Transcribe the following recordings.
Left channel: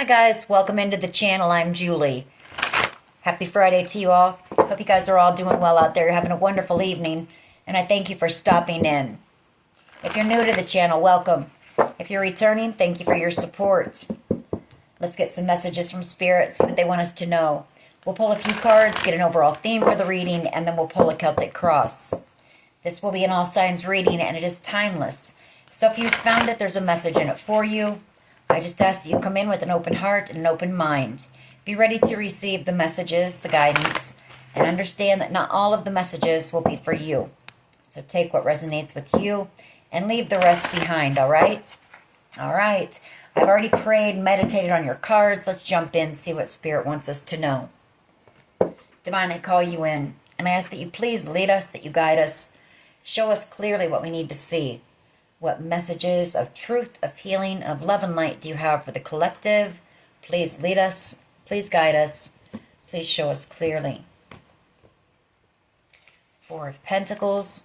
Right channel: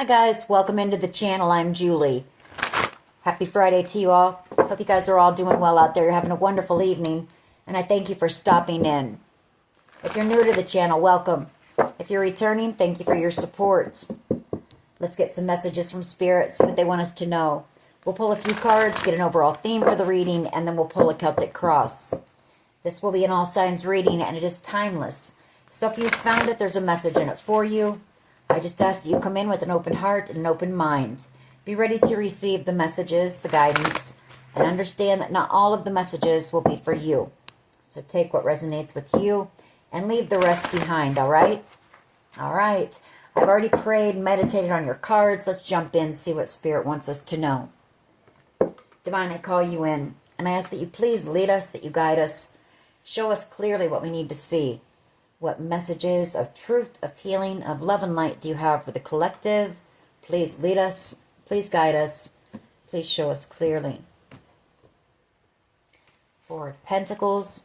Hi guys, welcome into the channel. I'm Julie. Happy Friday to you all. Hope you guys are all doing well out there. You're having a wonderful evening, and I thank you for stopping in. If you're new to the channel, welcome. If you're returning, thank you for your support. Let's get some messages from Spirit, see what they want us to know. We'll pull a few cards, get an overall theme for the reading, and then we'll pull a Celtic cross. This will be an all signs reading, and it is timeless. So if you found it, there's a message in it for you. I just ask that you come in with an open heart and an open mind. Be ready to receive the messages, the guidance, and understand that not all of the messages will be for you. So take what resonates with you and leave the rest behind, all right? All right. I've already prayed, meditated on your cards. Let's jump in, see what Spirit wants us to know. Divine, I call you in, and I ask that you please lead us, that you guide us. Show us clearly what we need to see. What messages of truth, of healing, of love and light do you have for the collective? Please lead us. Please guide us. Please show us clearly. Four of Pentacles.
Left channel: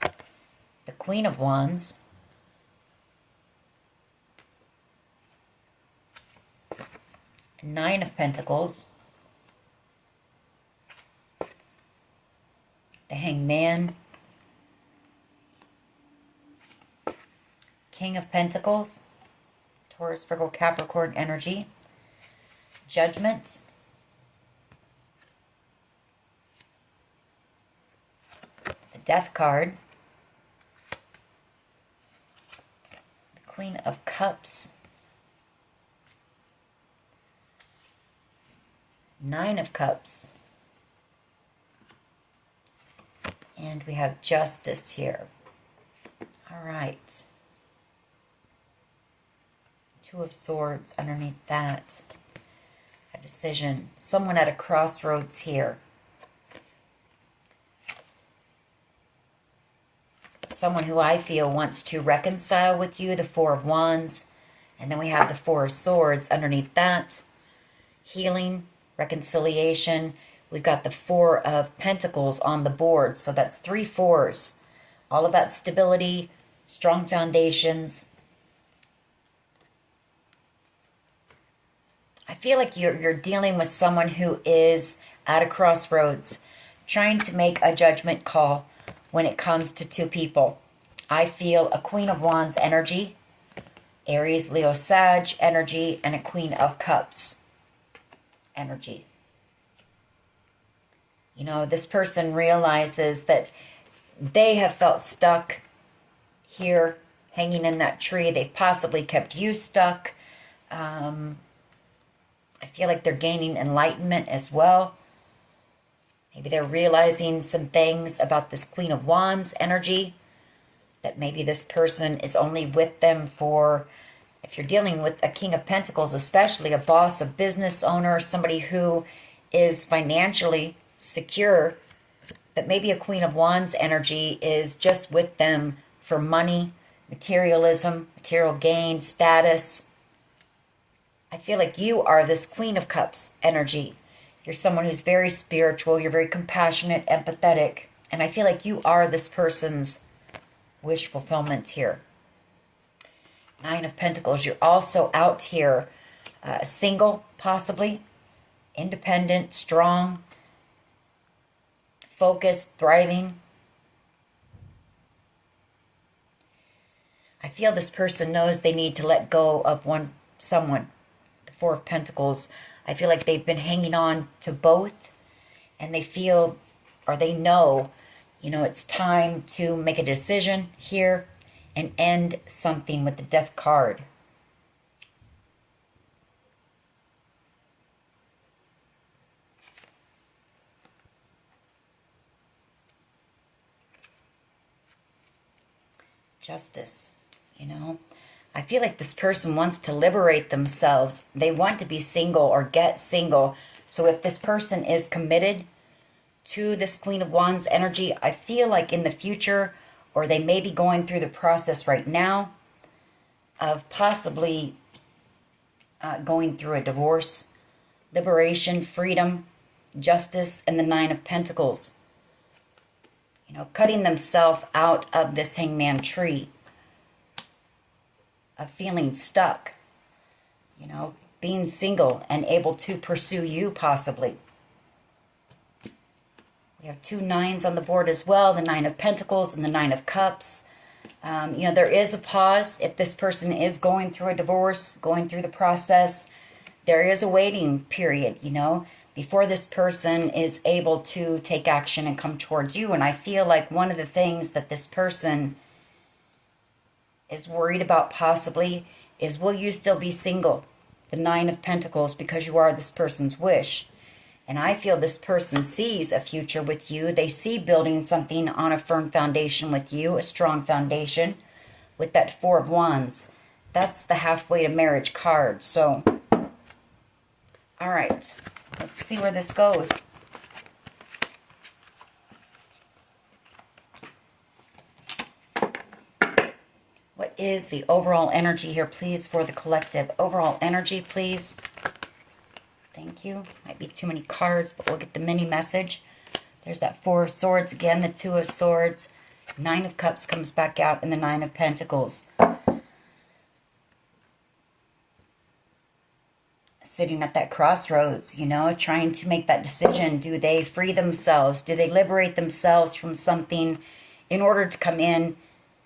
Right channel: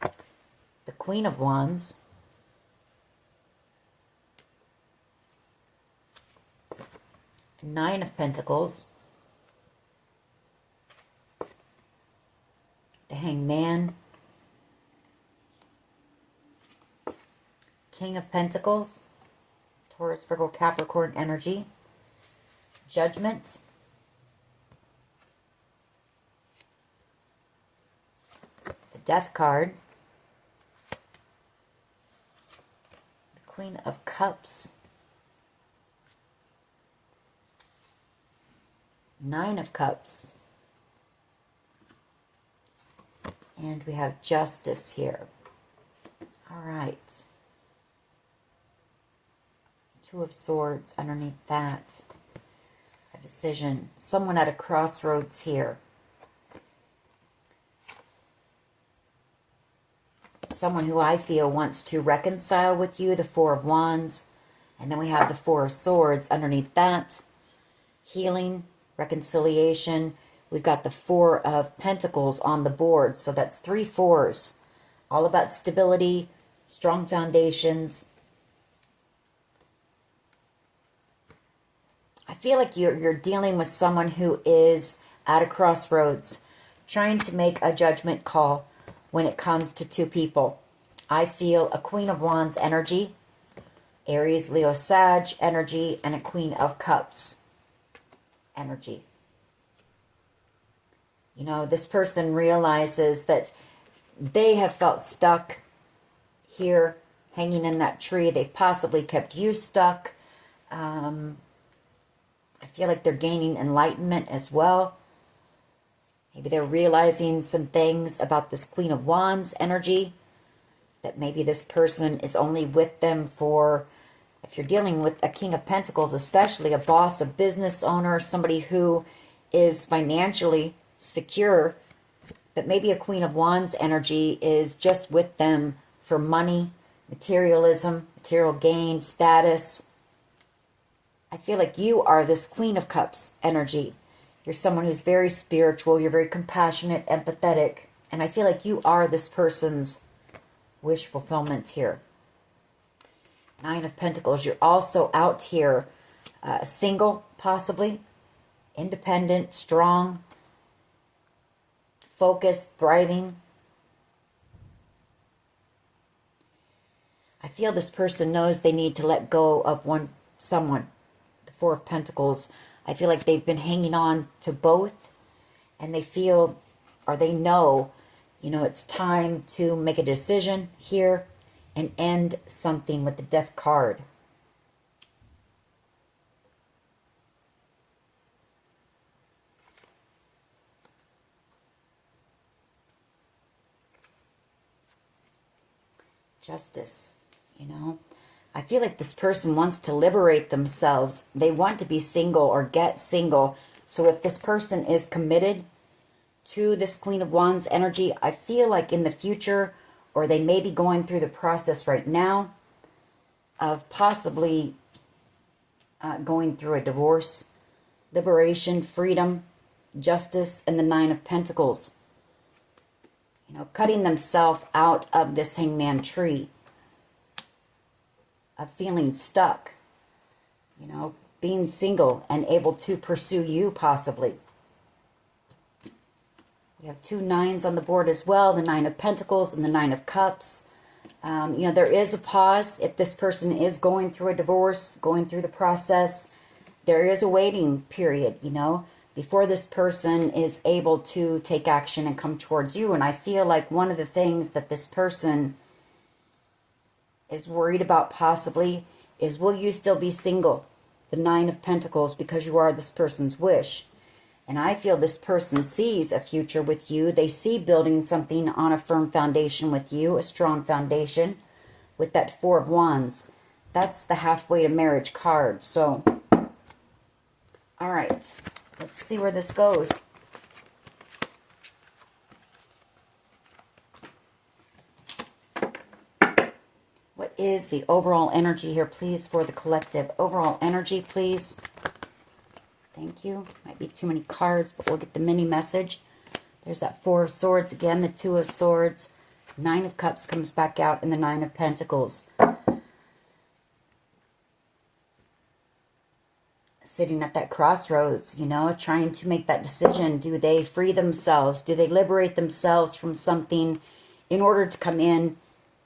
The Queen of Wands. Nine of Pentacles. The Hanged Man, King of Pentacles, Taurus, Virgo, Capricorn energy, Judgment, the Death card, the Queen of Cups, Nine of Cups, and we have Justice here. All right. Two of Swords underneath that. A decision. Someone at a crossroads here. Someone who I feel wants to reconcile with you. The Four of Wands. And then we have the Four of Swords underneath that. Healing, reconciliation. We've got the Four of Pentacles on the board. So that's three fours. All about stability, strong foundations. I feel like you're dealing with someone who is at a crossroads, trying to make a judgment call when it comes to two people. I feel a Queen of Wands energy, Aries, Leo, Sag energy, and a Queen of Cups energy. You know, this person realizes that they have felt stuck here, hanging in that tree. They've possibly kept you stuck. I feel like they're gaining enlightenment as well. Maybe they're realizing some things about this Queen of Wands energy, that maybe this person is only with them for, if you're dealing with a King of Pentacles, especially a boss, a business owner, somebody who is financially secure, that maybe a Queen of Wands energy is just with them for money, materialism, material gain, status. I feel like you are this Queen of Cups energy. You're someone who's very spiritual. You're very compassionate, empathetic. And I feel like you are this person's wish fulfillment here. Nine of Pentacles. You're also out here single, possibly. Independent, strong. Focused, thriving. I feel this person knows they need to let go of someone. The Four of Pentacles. I feel like they've been hanging on to both, and they feel, or they know, you know, it's time to make a decision here and end something with the Death card. Justice, you know. I feel like this person wants to liberate themselves. They want to be single or get single. So if this person is committed to this Queen of Wands energy, I feel like in the future, or they may be going through the process right now of possibly going through a divorce, liberation, freedom, justice, and the Nine of Pentacles. You know, cutting themselves out of this hangman tree. of feeling stuck, you know, being single and able to pursue you possibly. We have 2 9s on the board as well, the 9 of Pentacles and the 9 of Cups. You know, there is a pause if this person is going through a divorce, going through the process. There is a waiting period, you know, before this person is able to take action and come towards you. And I feel like one of the things that this person is worried about possibly is, will you still be single? The 9 of Pentacles, because you are this person's wish. And I feel this person sees a future with you. They see building something on a firm foundation with you, a strong foundation, with that 4 of Wands. That's the halfway to marriage card. So, all right, let's see where this goes. What is the overall energy here, please, for the collective? Overall energy, please. Thank you. Might be too many cards, but we'll get the mini message. There's that 4 of Swords again, the 2 of Swords. 9 of Cups comes back out, and the 9 of Pentacles. Sitting at that crossroads, you know, trying to make that decision. Do they free themselves? Do they liberate themselves from something in order to come in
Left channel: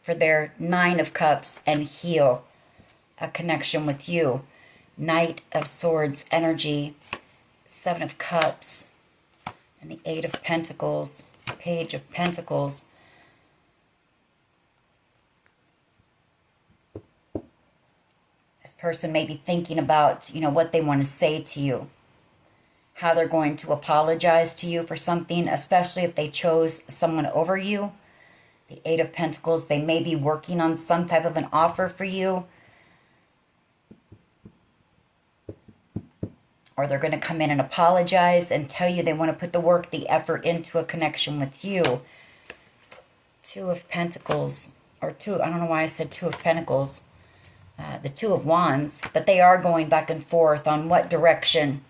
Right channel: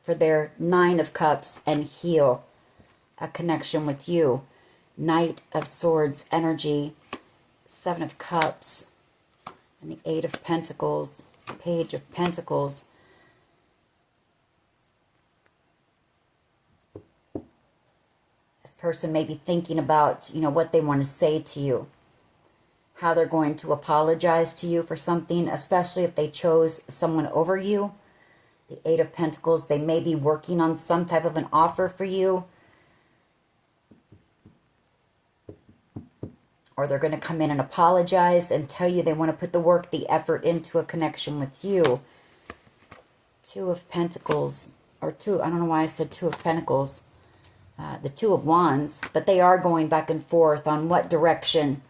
for their 9 of Cups and heal a connection with you? Knight of Swords energy, 7 of Cups, and the 8 of Pentacles, Page of Pentacles. This person may be thinking about, you know, what they want to say to you, how they're going to apologize to you for something, especially if they chose someone over you. The 8 of Pentacles, they may be working on some type of an offer for you. Or they're going to come in and apologize and tell you they want to put the work, the effort into a connection with you. 2 of Pentacles, or 2, I don't know why I said 2 of Pentacles. The 2 of Wands, but they are going back and forth on what direction,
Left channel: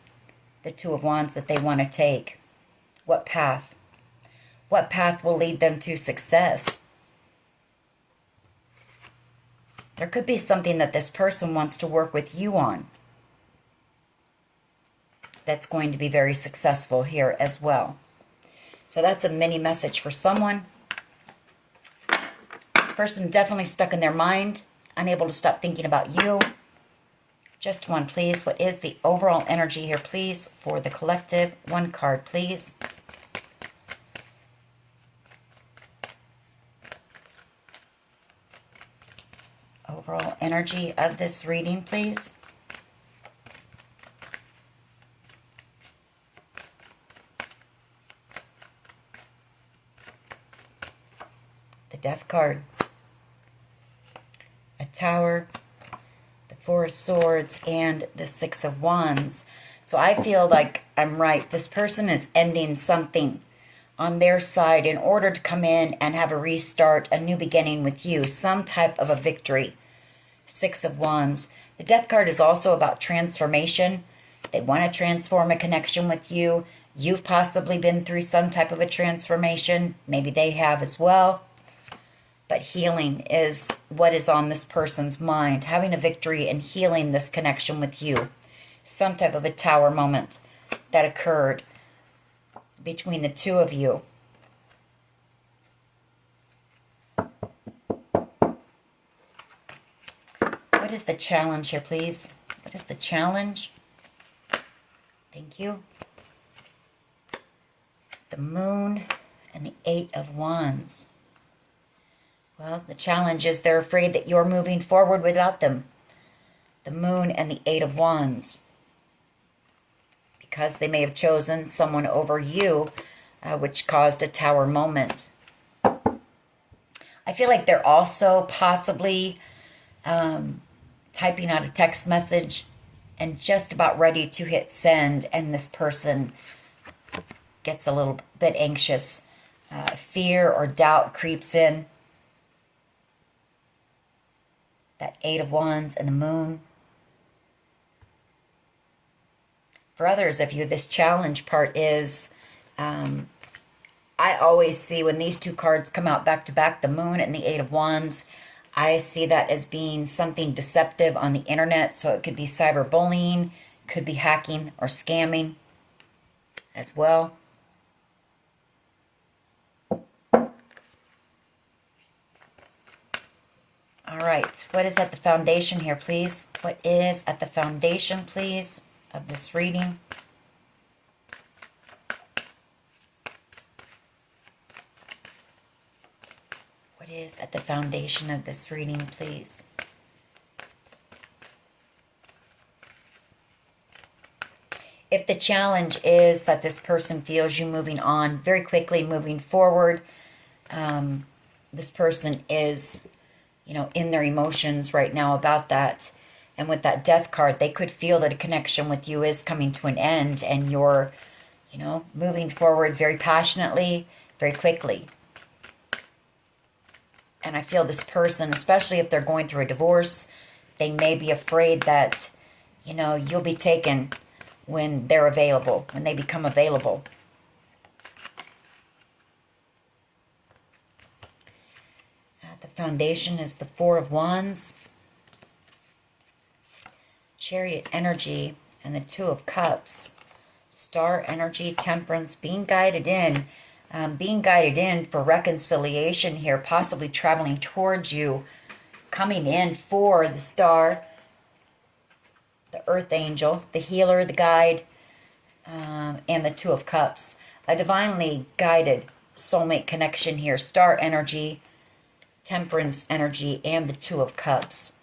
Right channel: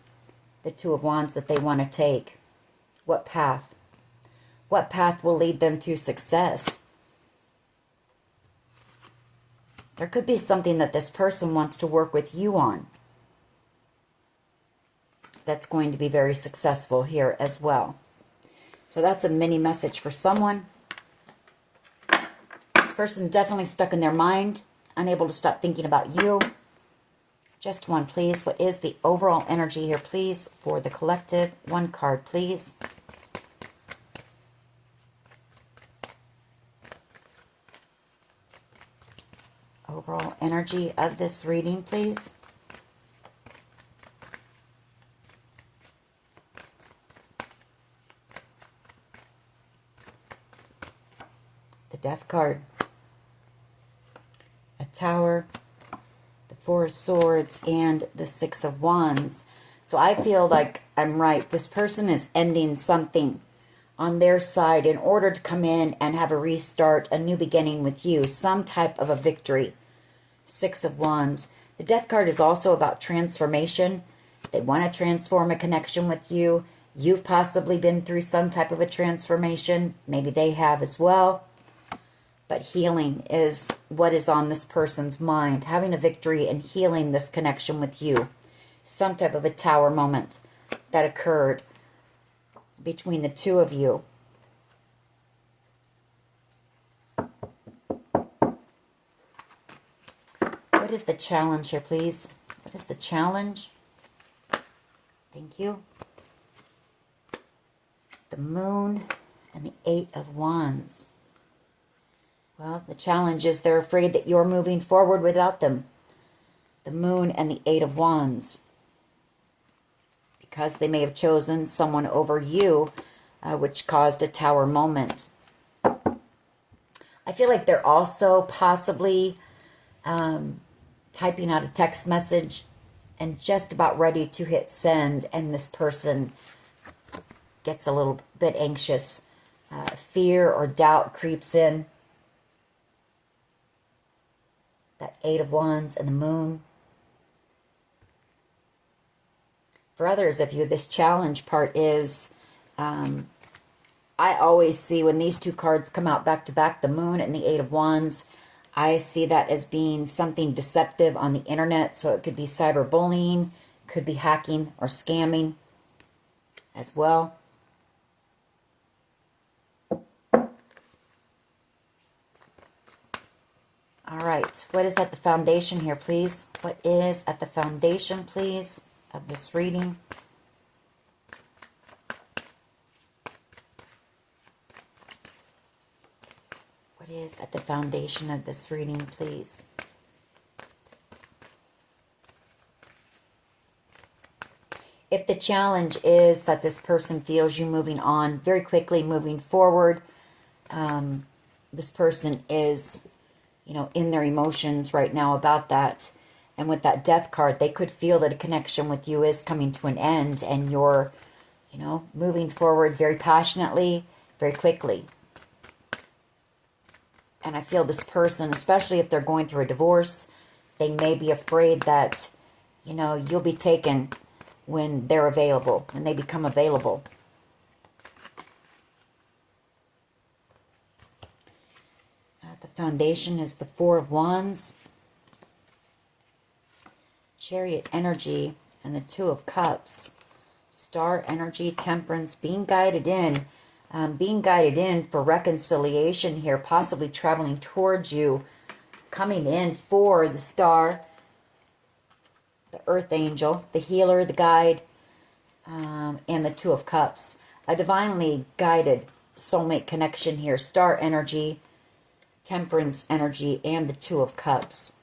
the 2 of Wands, that they want to take. What path? What path will lead them to success? There could be something that this person wants to work with you on that's going to be very successful here as well. So that's a mini message for someone. This person definitely stuck in their mind, unable to stop thinking about you. Just one, please. What is the overall energy here, please, for the collective? 1 card, please. Overall energy of this reading, please. Death card, a Tower, the 4 of Swords, and the 6 of Wands. So I feel like I'm right. This person is ending something on their side in order to come in and have a restart, a new beginning with you, some type of a victory. 6 of Wands. The Death card is also about transformation. They want to transform a connection with you. You've possibly been through some type of a transformation. Maybe they have as well. But healing is what is on this person's mind. Having a victory and healing this connection with you. Some type of a Tower moment that occurred between the 2 of you. What is the challenge here, please? What is the challenge? Thank you. The Moon and the 8 of Wands. Well, the challenge is they're afraid that you're moving forward without them. The Moon and the 8 of Wands. Because they may have chosen someone over you, which caused a Tower moment. I feel like they're also possibly typing out a text message and just about ready to hit send, and this person gets a little bit anxious. Fear or doubt creeps in. That 8 of Wands and the Moon. For others of you, this challenge part is, I always see when these 2 cards come out back to back, the Moon and the 8 of Wands, I see that as being something deceptive on the internet. So it could be cyberbullying, could be hacking or scamming as well. All right, what is at the foundation here, please? What is at the foundation, please, of this reading? What is at the foundation of this reading, please? If the challenge is that this person feels you moving on very quickly, moving forward, this person is, you know, in their emotions right now about that. And with that death card, they could feel that a connection with you is coming to an end and you're, you know, moving forward very passionately, very quickly. And I feel this person, especially if they're going through a divorce, they may be afraid that, you know, you'll be taken when they're available, when they become available. The foundation is the Four of Wands, Chariot energy, and the Two of Cups. Star energy, Temperance, being guided in for reconciliation here, possibly traveling towards you, coming in for the Star, the Earth Angel, the Healer, the Guide, and the Two of Cups. A divinely guided soulmate connection here. Star energy, Temperance energy, and the Two of Cups.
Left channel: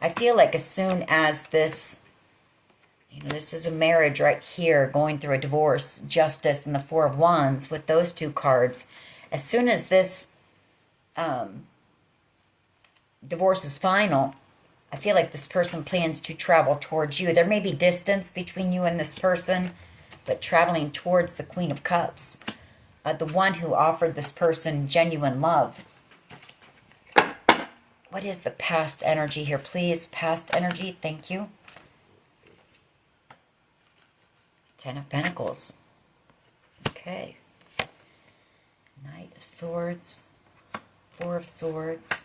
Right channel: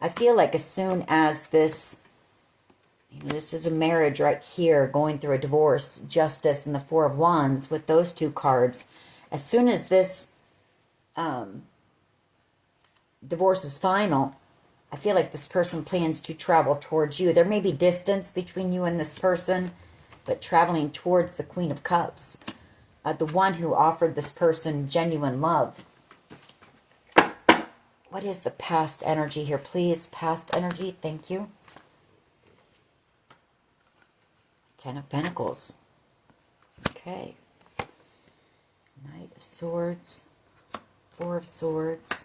I feel like as soon as this, you know, this is a marriage right here, going through a divorce, Justice, and the Four of Wands with those two cards. As soon as this divorce is final, I feel like this person plans to travel towards you. There may be distance between you and this person, but traveling towards the Queen of Cups, the one who offered this person genuine love. What is the past energy here, please? Past energy, thank you. Ten of Pentacles. Okay. Knight of Swords, Four of Swords,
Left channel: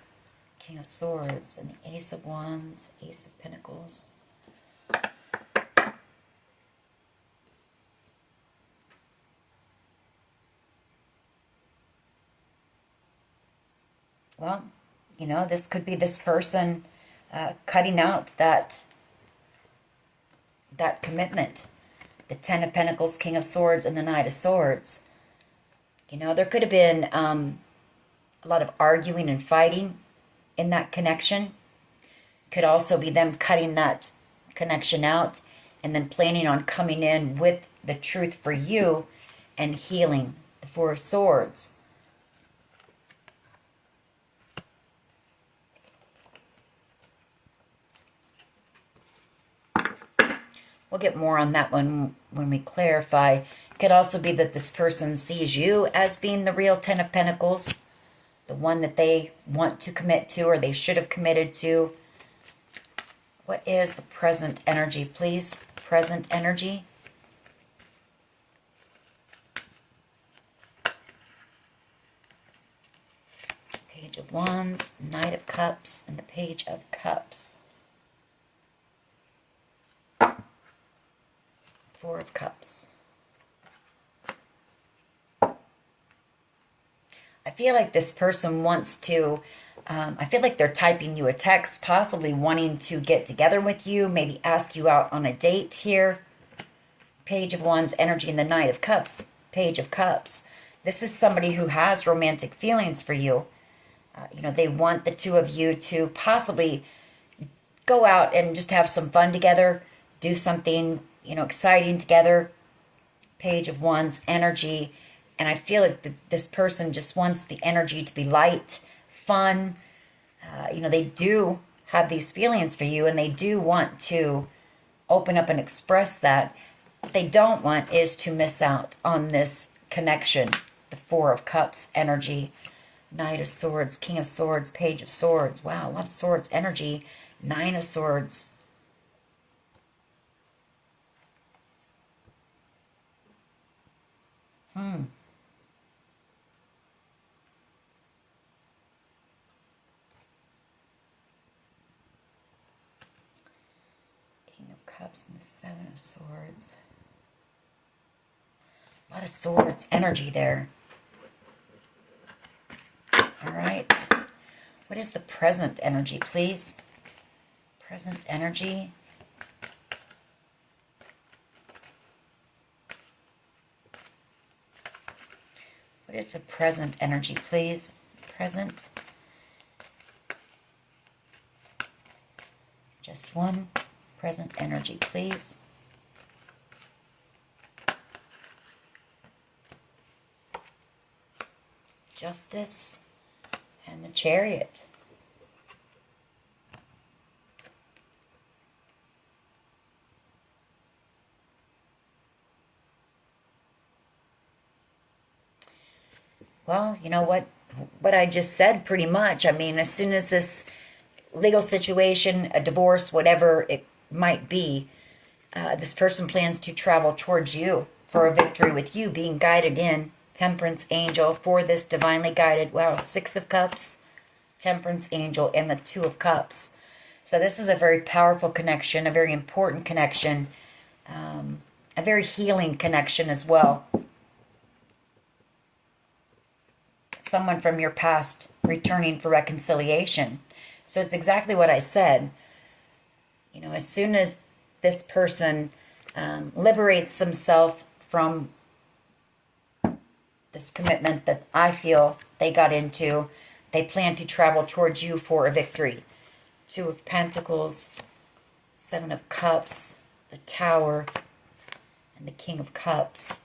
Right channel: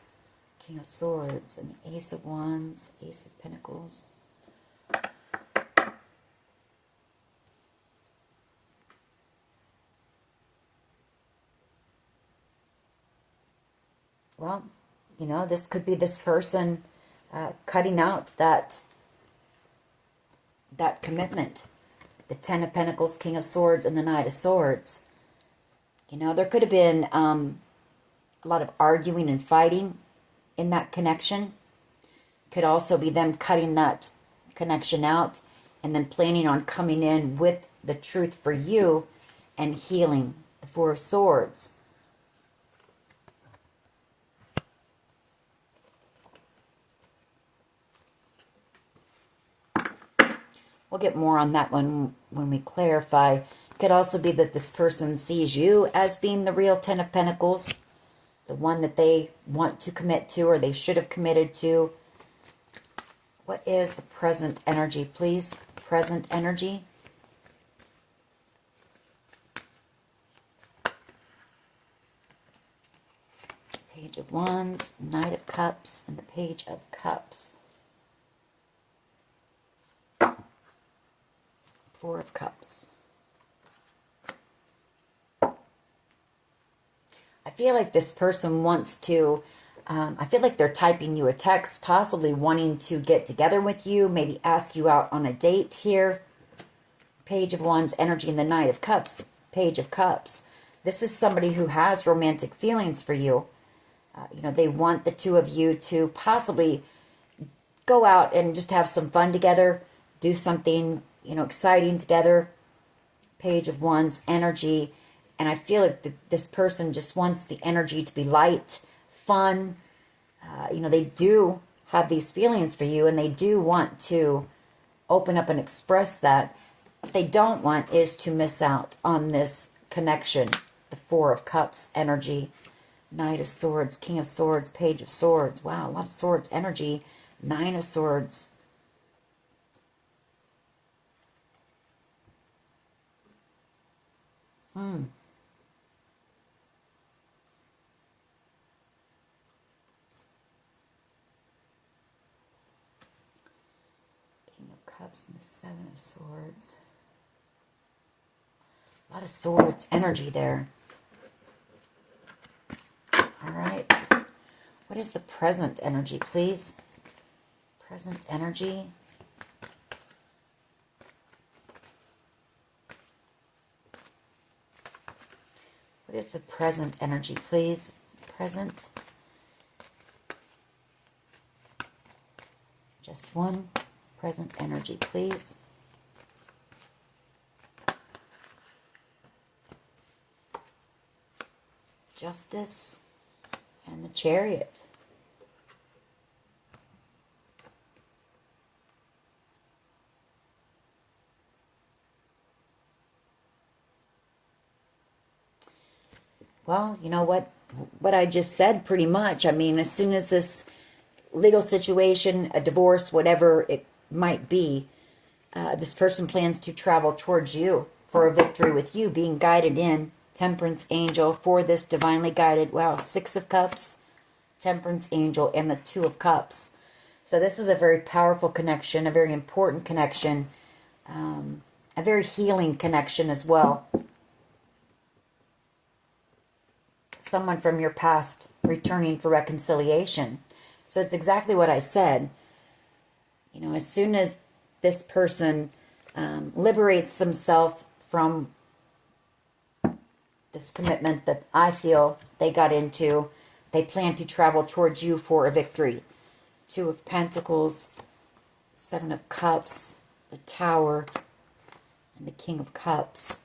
King of Swords, and the Ace of Wands, Ace of Pentacles. Well, you know, this could be this person cutting out that commitment. The Ten of Pentacles, King of Swords, and the Knight of Swords. You know, there could have been a lot of arguing and fighting in that connection. Could also be them cutting that connection out and then planning on coming in with the truth for you and healing. The Four of Swords. We'll get more on that one when we clarify. It could also be that this person sees you as being the real Ten of Pentacles, the one that they want to commit to or they should have committed to. What is the present energy, please? Present energy. Page of Wands, Knight of Cups, and the Page of Cups. Four of Cups. I feel like this person wants to, I feel like they're typing you a text, possibly wanting to get together with you, maybe ask you out on a date here. Page of Wands energy and the Knight of Cups, Page of Cups. This is somebody who has romantic feelings for you. You know, they want the two of you to possibly go out and just have some fun together, do something, you know, exciting together. Page of Wands energy. And I feel like this person just wants the energy to be light, fun. You know, they do have these feelings for you and they do want to open up and express that. What they don't want is to miss out on this connection. The Four of Cups energy. Knight of Swords, King of Swords, Page of Swords. Wow, a lot of Swords energy. Nine of Swords. Cups and the Seven of Swords. A lot of swords energy there. All right. What is the present energy, please? Present energy. What is the present energy, please? Present. Just one. Present energy, please. Justice and the Chariot. Well, you know what I just said pretty much. I mean, as soon as this legal situation, a divorce, whatever it might be, this person plans to travel towards you for a victory with you, being guided in Temperance Angel for this divinely guided, wow, Six of Cups, Temperance Angel, and the Two of Cups. So this is a very powerful connection, a very important connection, a very healing connection as well. Someone from your past returning for reconciliation. So it's exactly what I said. You know, as soon as this person liberates themselves from this commitment that I feel they got into, they plan to travel towards you for a victory. Two of Pentacles, Seven of Cups, the Tower, and the King of Cups.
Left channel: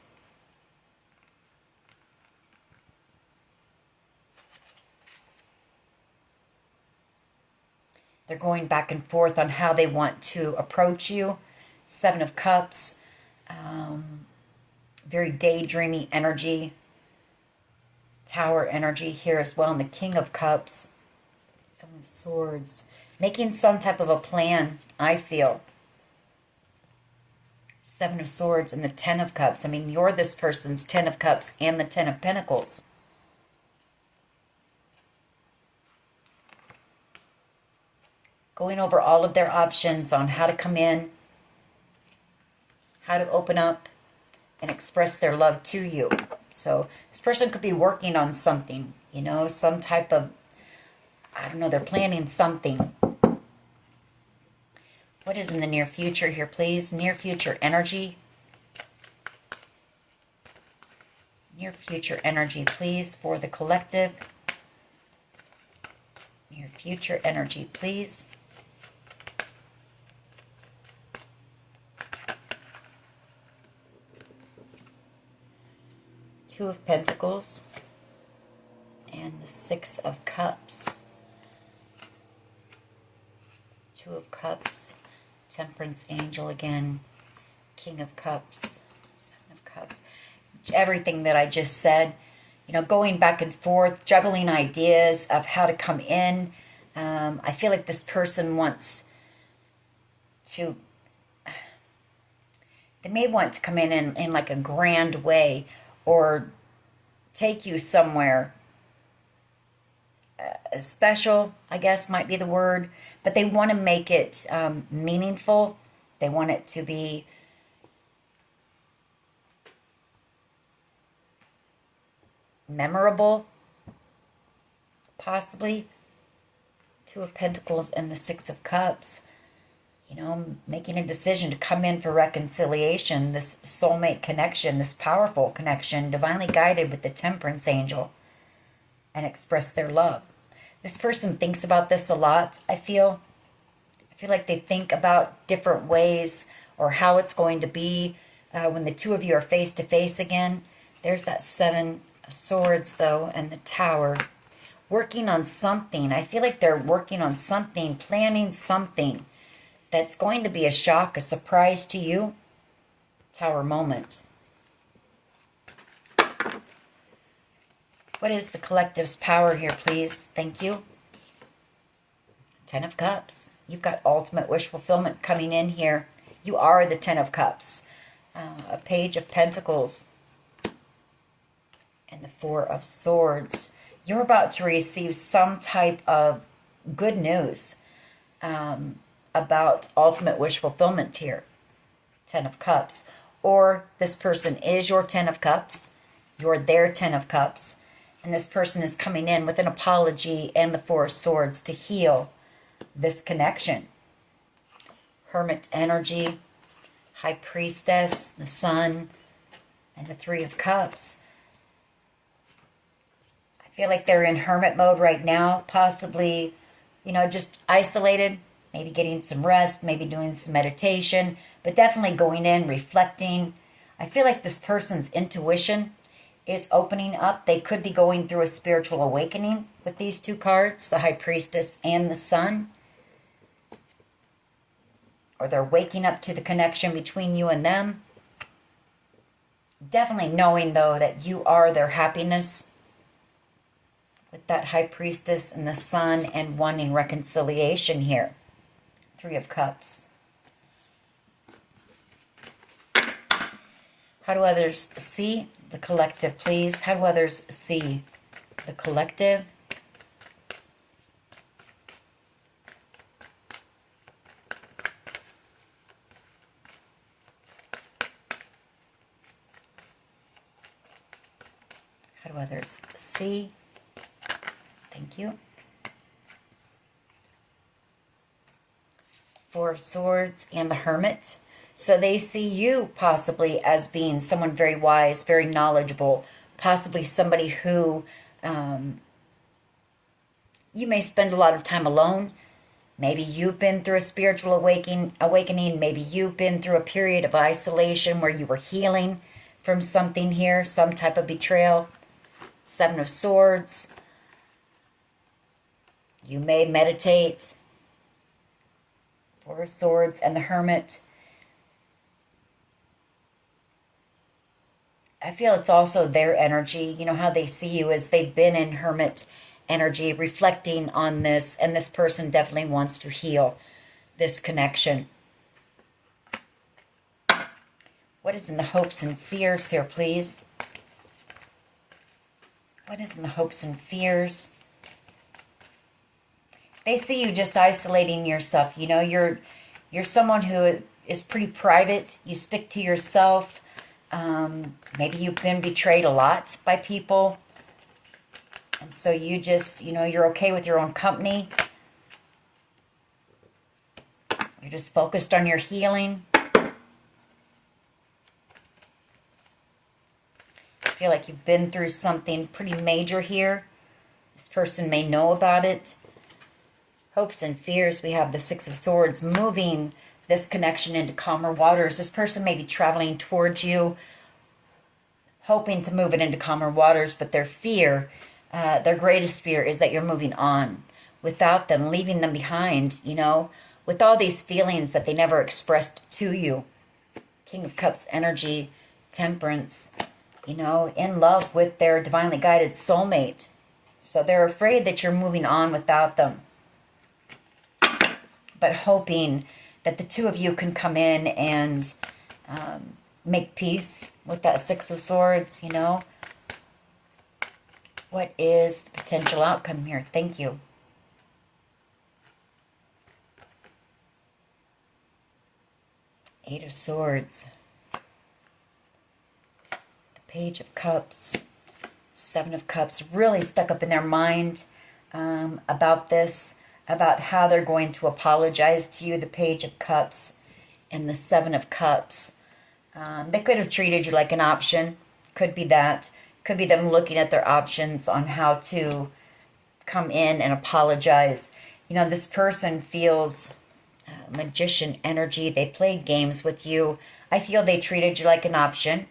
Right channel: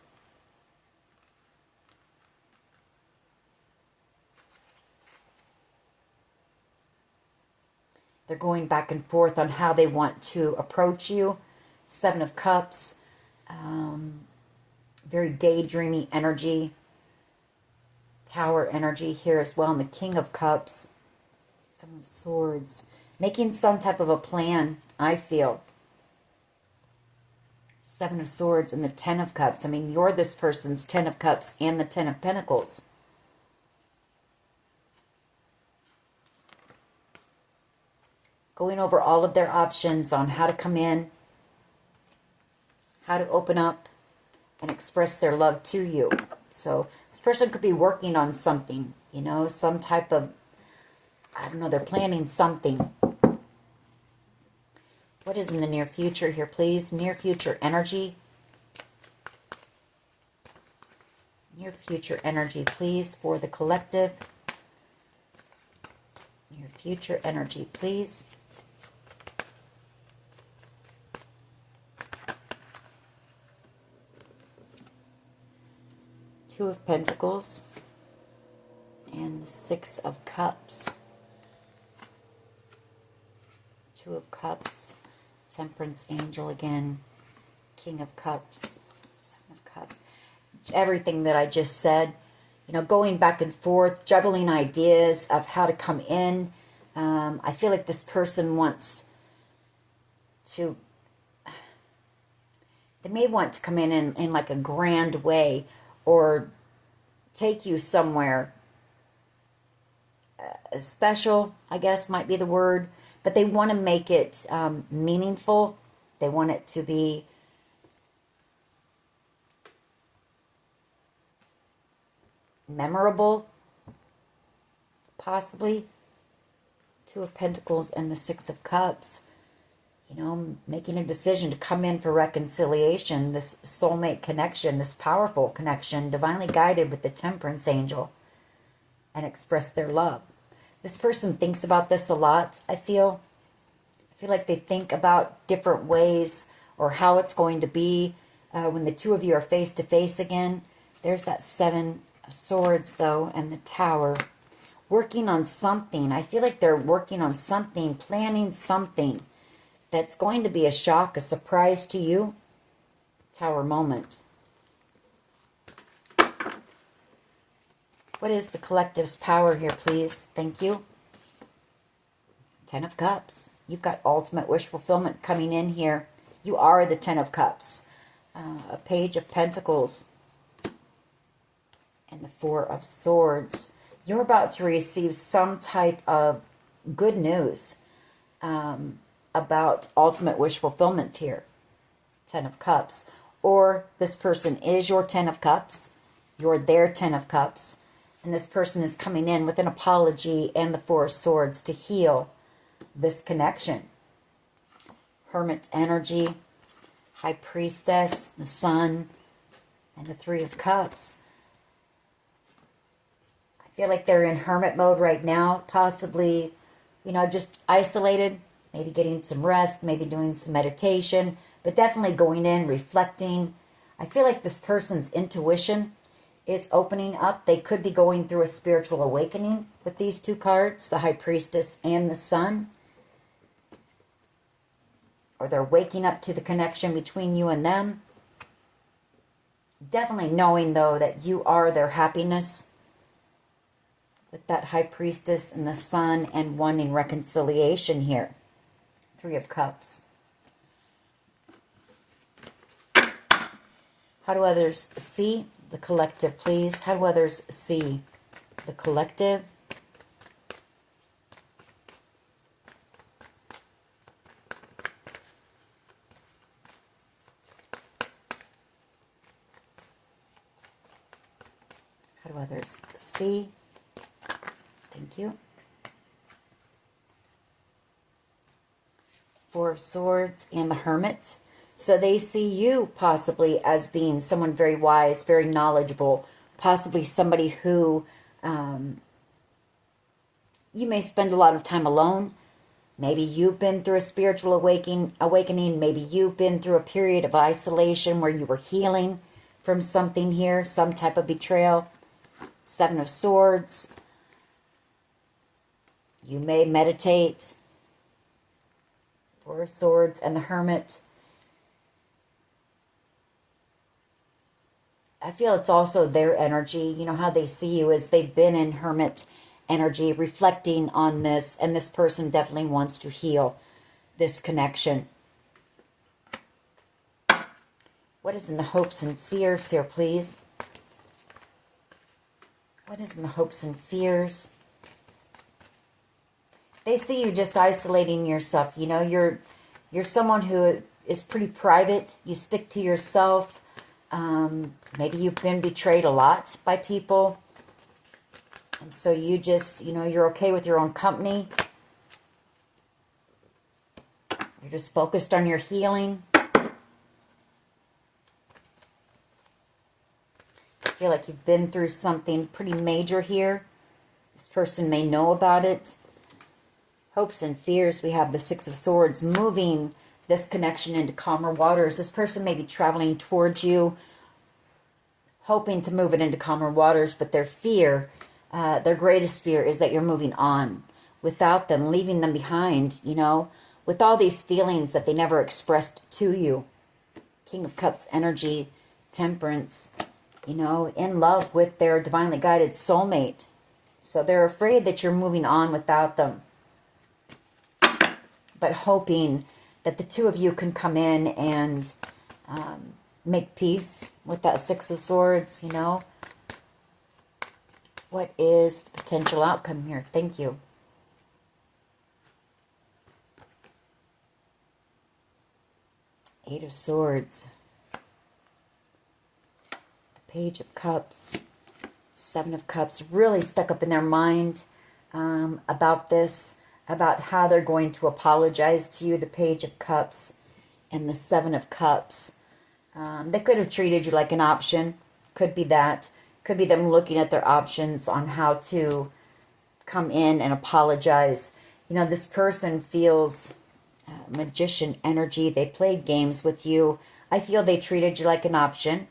They're going back and forth on how they want to approach you. Seven of Cups. Very daydreamy energy. Tower energy here as well. And the King of Cups. Seven of Swords. Making some type of a plan, I feel. Seven of Swords and the Ten of Cups. I mean, you're this person's Ten of Cups and the Ten of Pentacles. Going over all of their options on how to come in, how to open up, and express their love to you. So this person could be working on something, you know, some type of, I don't know, they're planning something. What is in the near future here, please? Near future energy. Near future energy, please, for the collective. Near future energy, please. Two of Pentacles and the Six of Cups. Two of Cups, Temperance Angel again, King of Cups, Seven of Cups. Everything that I just said, you know, going back and forth, juggling ideas of how to come in. I feel like this person wants to, they may want to come in like a grand way, or take you somewhere special, I guess might be the word. But they want to make it meaningful. They want it to be memorable, possibly. Two of Pentacles and the Six of Cups. You know, making a decision to come in for reconciliation, this soulmate connection, this powerful connection, divinely guided with the Temperance Angel, and express their love. This person thinks about this a lot, I feel. I feel like they think about different ways or how it's going to be when the two of you are face to face again. There's that Seven of Swords, though, and the Tower. Working on something. I feel like they're working on something, planning something that's going to be a shock, a surprise to you. Tower moment. What is the collective's power here, please? Thank you. Ten of Cups. You've got ultimate wish fulfillment coming in here. You are the Ten of Cups. A Page of Pentacles. And the Four of Swords. You're about to receive some type of good news about ultimate wish fulfillment here. Ten of Cups. Or this person is your Ten of Cups. You're their Ten of Cups. And this person is coming in with an apology and the Four of Swords to heal this connection. Hermit energy, High Priestess, the Sun, and the Three of Cups. I feel like they're in hermit mode right now, possibly, you know, just isolated, maybe getting some rest, maybe doing some meditation, but definitely going in, reflecting. I feel like this person's intuition is opening up. They could be going through a spiritual awakening with these two cards, the High Priestess and the Sun. Or they're waking up to the connection between you and them. Definitely knowing, though, that you are their happiness with that High Priestess and the Sun, and wanting reconciliation here. Three of Cups. How do others see the collective, please? How do others see the collective? How do others see? Thank you. Four of Swords and the Hermit. So they see you possibly as being someone very wise, very knowledgeable, possibly somebody who you may spend a lot of time alone. Maybe you've been through a spiritual awakening. Maybe you've been through a period of isolation where you were healing from something here, some type of betrayal. Seven of Swords. You may meditate. Four of Swords and the Hermit. I feel it's also their energy. You know how they see you as they've been in hermit energy, reflecting on this, and this person definitely wants to heal this connection. What is in the hopes and fears here, please? What is in the hopes and fears? They see you just isolating yourself. You know, you're someone who is pretty private. You stick to yourself. Maybe you've been betrayed a lot by people. And so you just, you know, you're okay with your own company. You're just focused on your healing. I feel like you've been through something pretty major here. This person may know about it. Hopes and fears, we have the Six of Swords moving this connection into calmer waters. This person may be traveling towards you, hoping to move it into calmer waters, but their fear, their greatest fear is that you're moving on without them, leaving them behind, you know, with all these feelings that they never expressed to you. King of Cups energy, Temperance, you know, in love with their divinely guided soulmate. So they're afraid that you're moving on without them, but hoping that the two of you can come in and make peace with that Six of Swords, you know. What is the potential outcome here? Thank you. Eight of Swords. The Page of Cups. Seven of Cups. Really stuck up in their mind about this, about how they're going to apologize to you. The Page of Cups and the Seven of Cups. They could have treated you like an option. Could be that. Could be them looking at their options on how to come in and apologize. You know, this person feels magician energy. They played games with you. I feel they treated you like an option.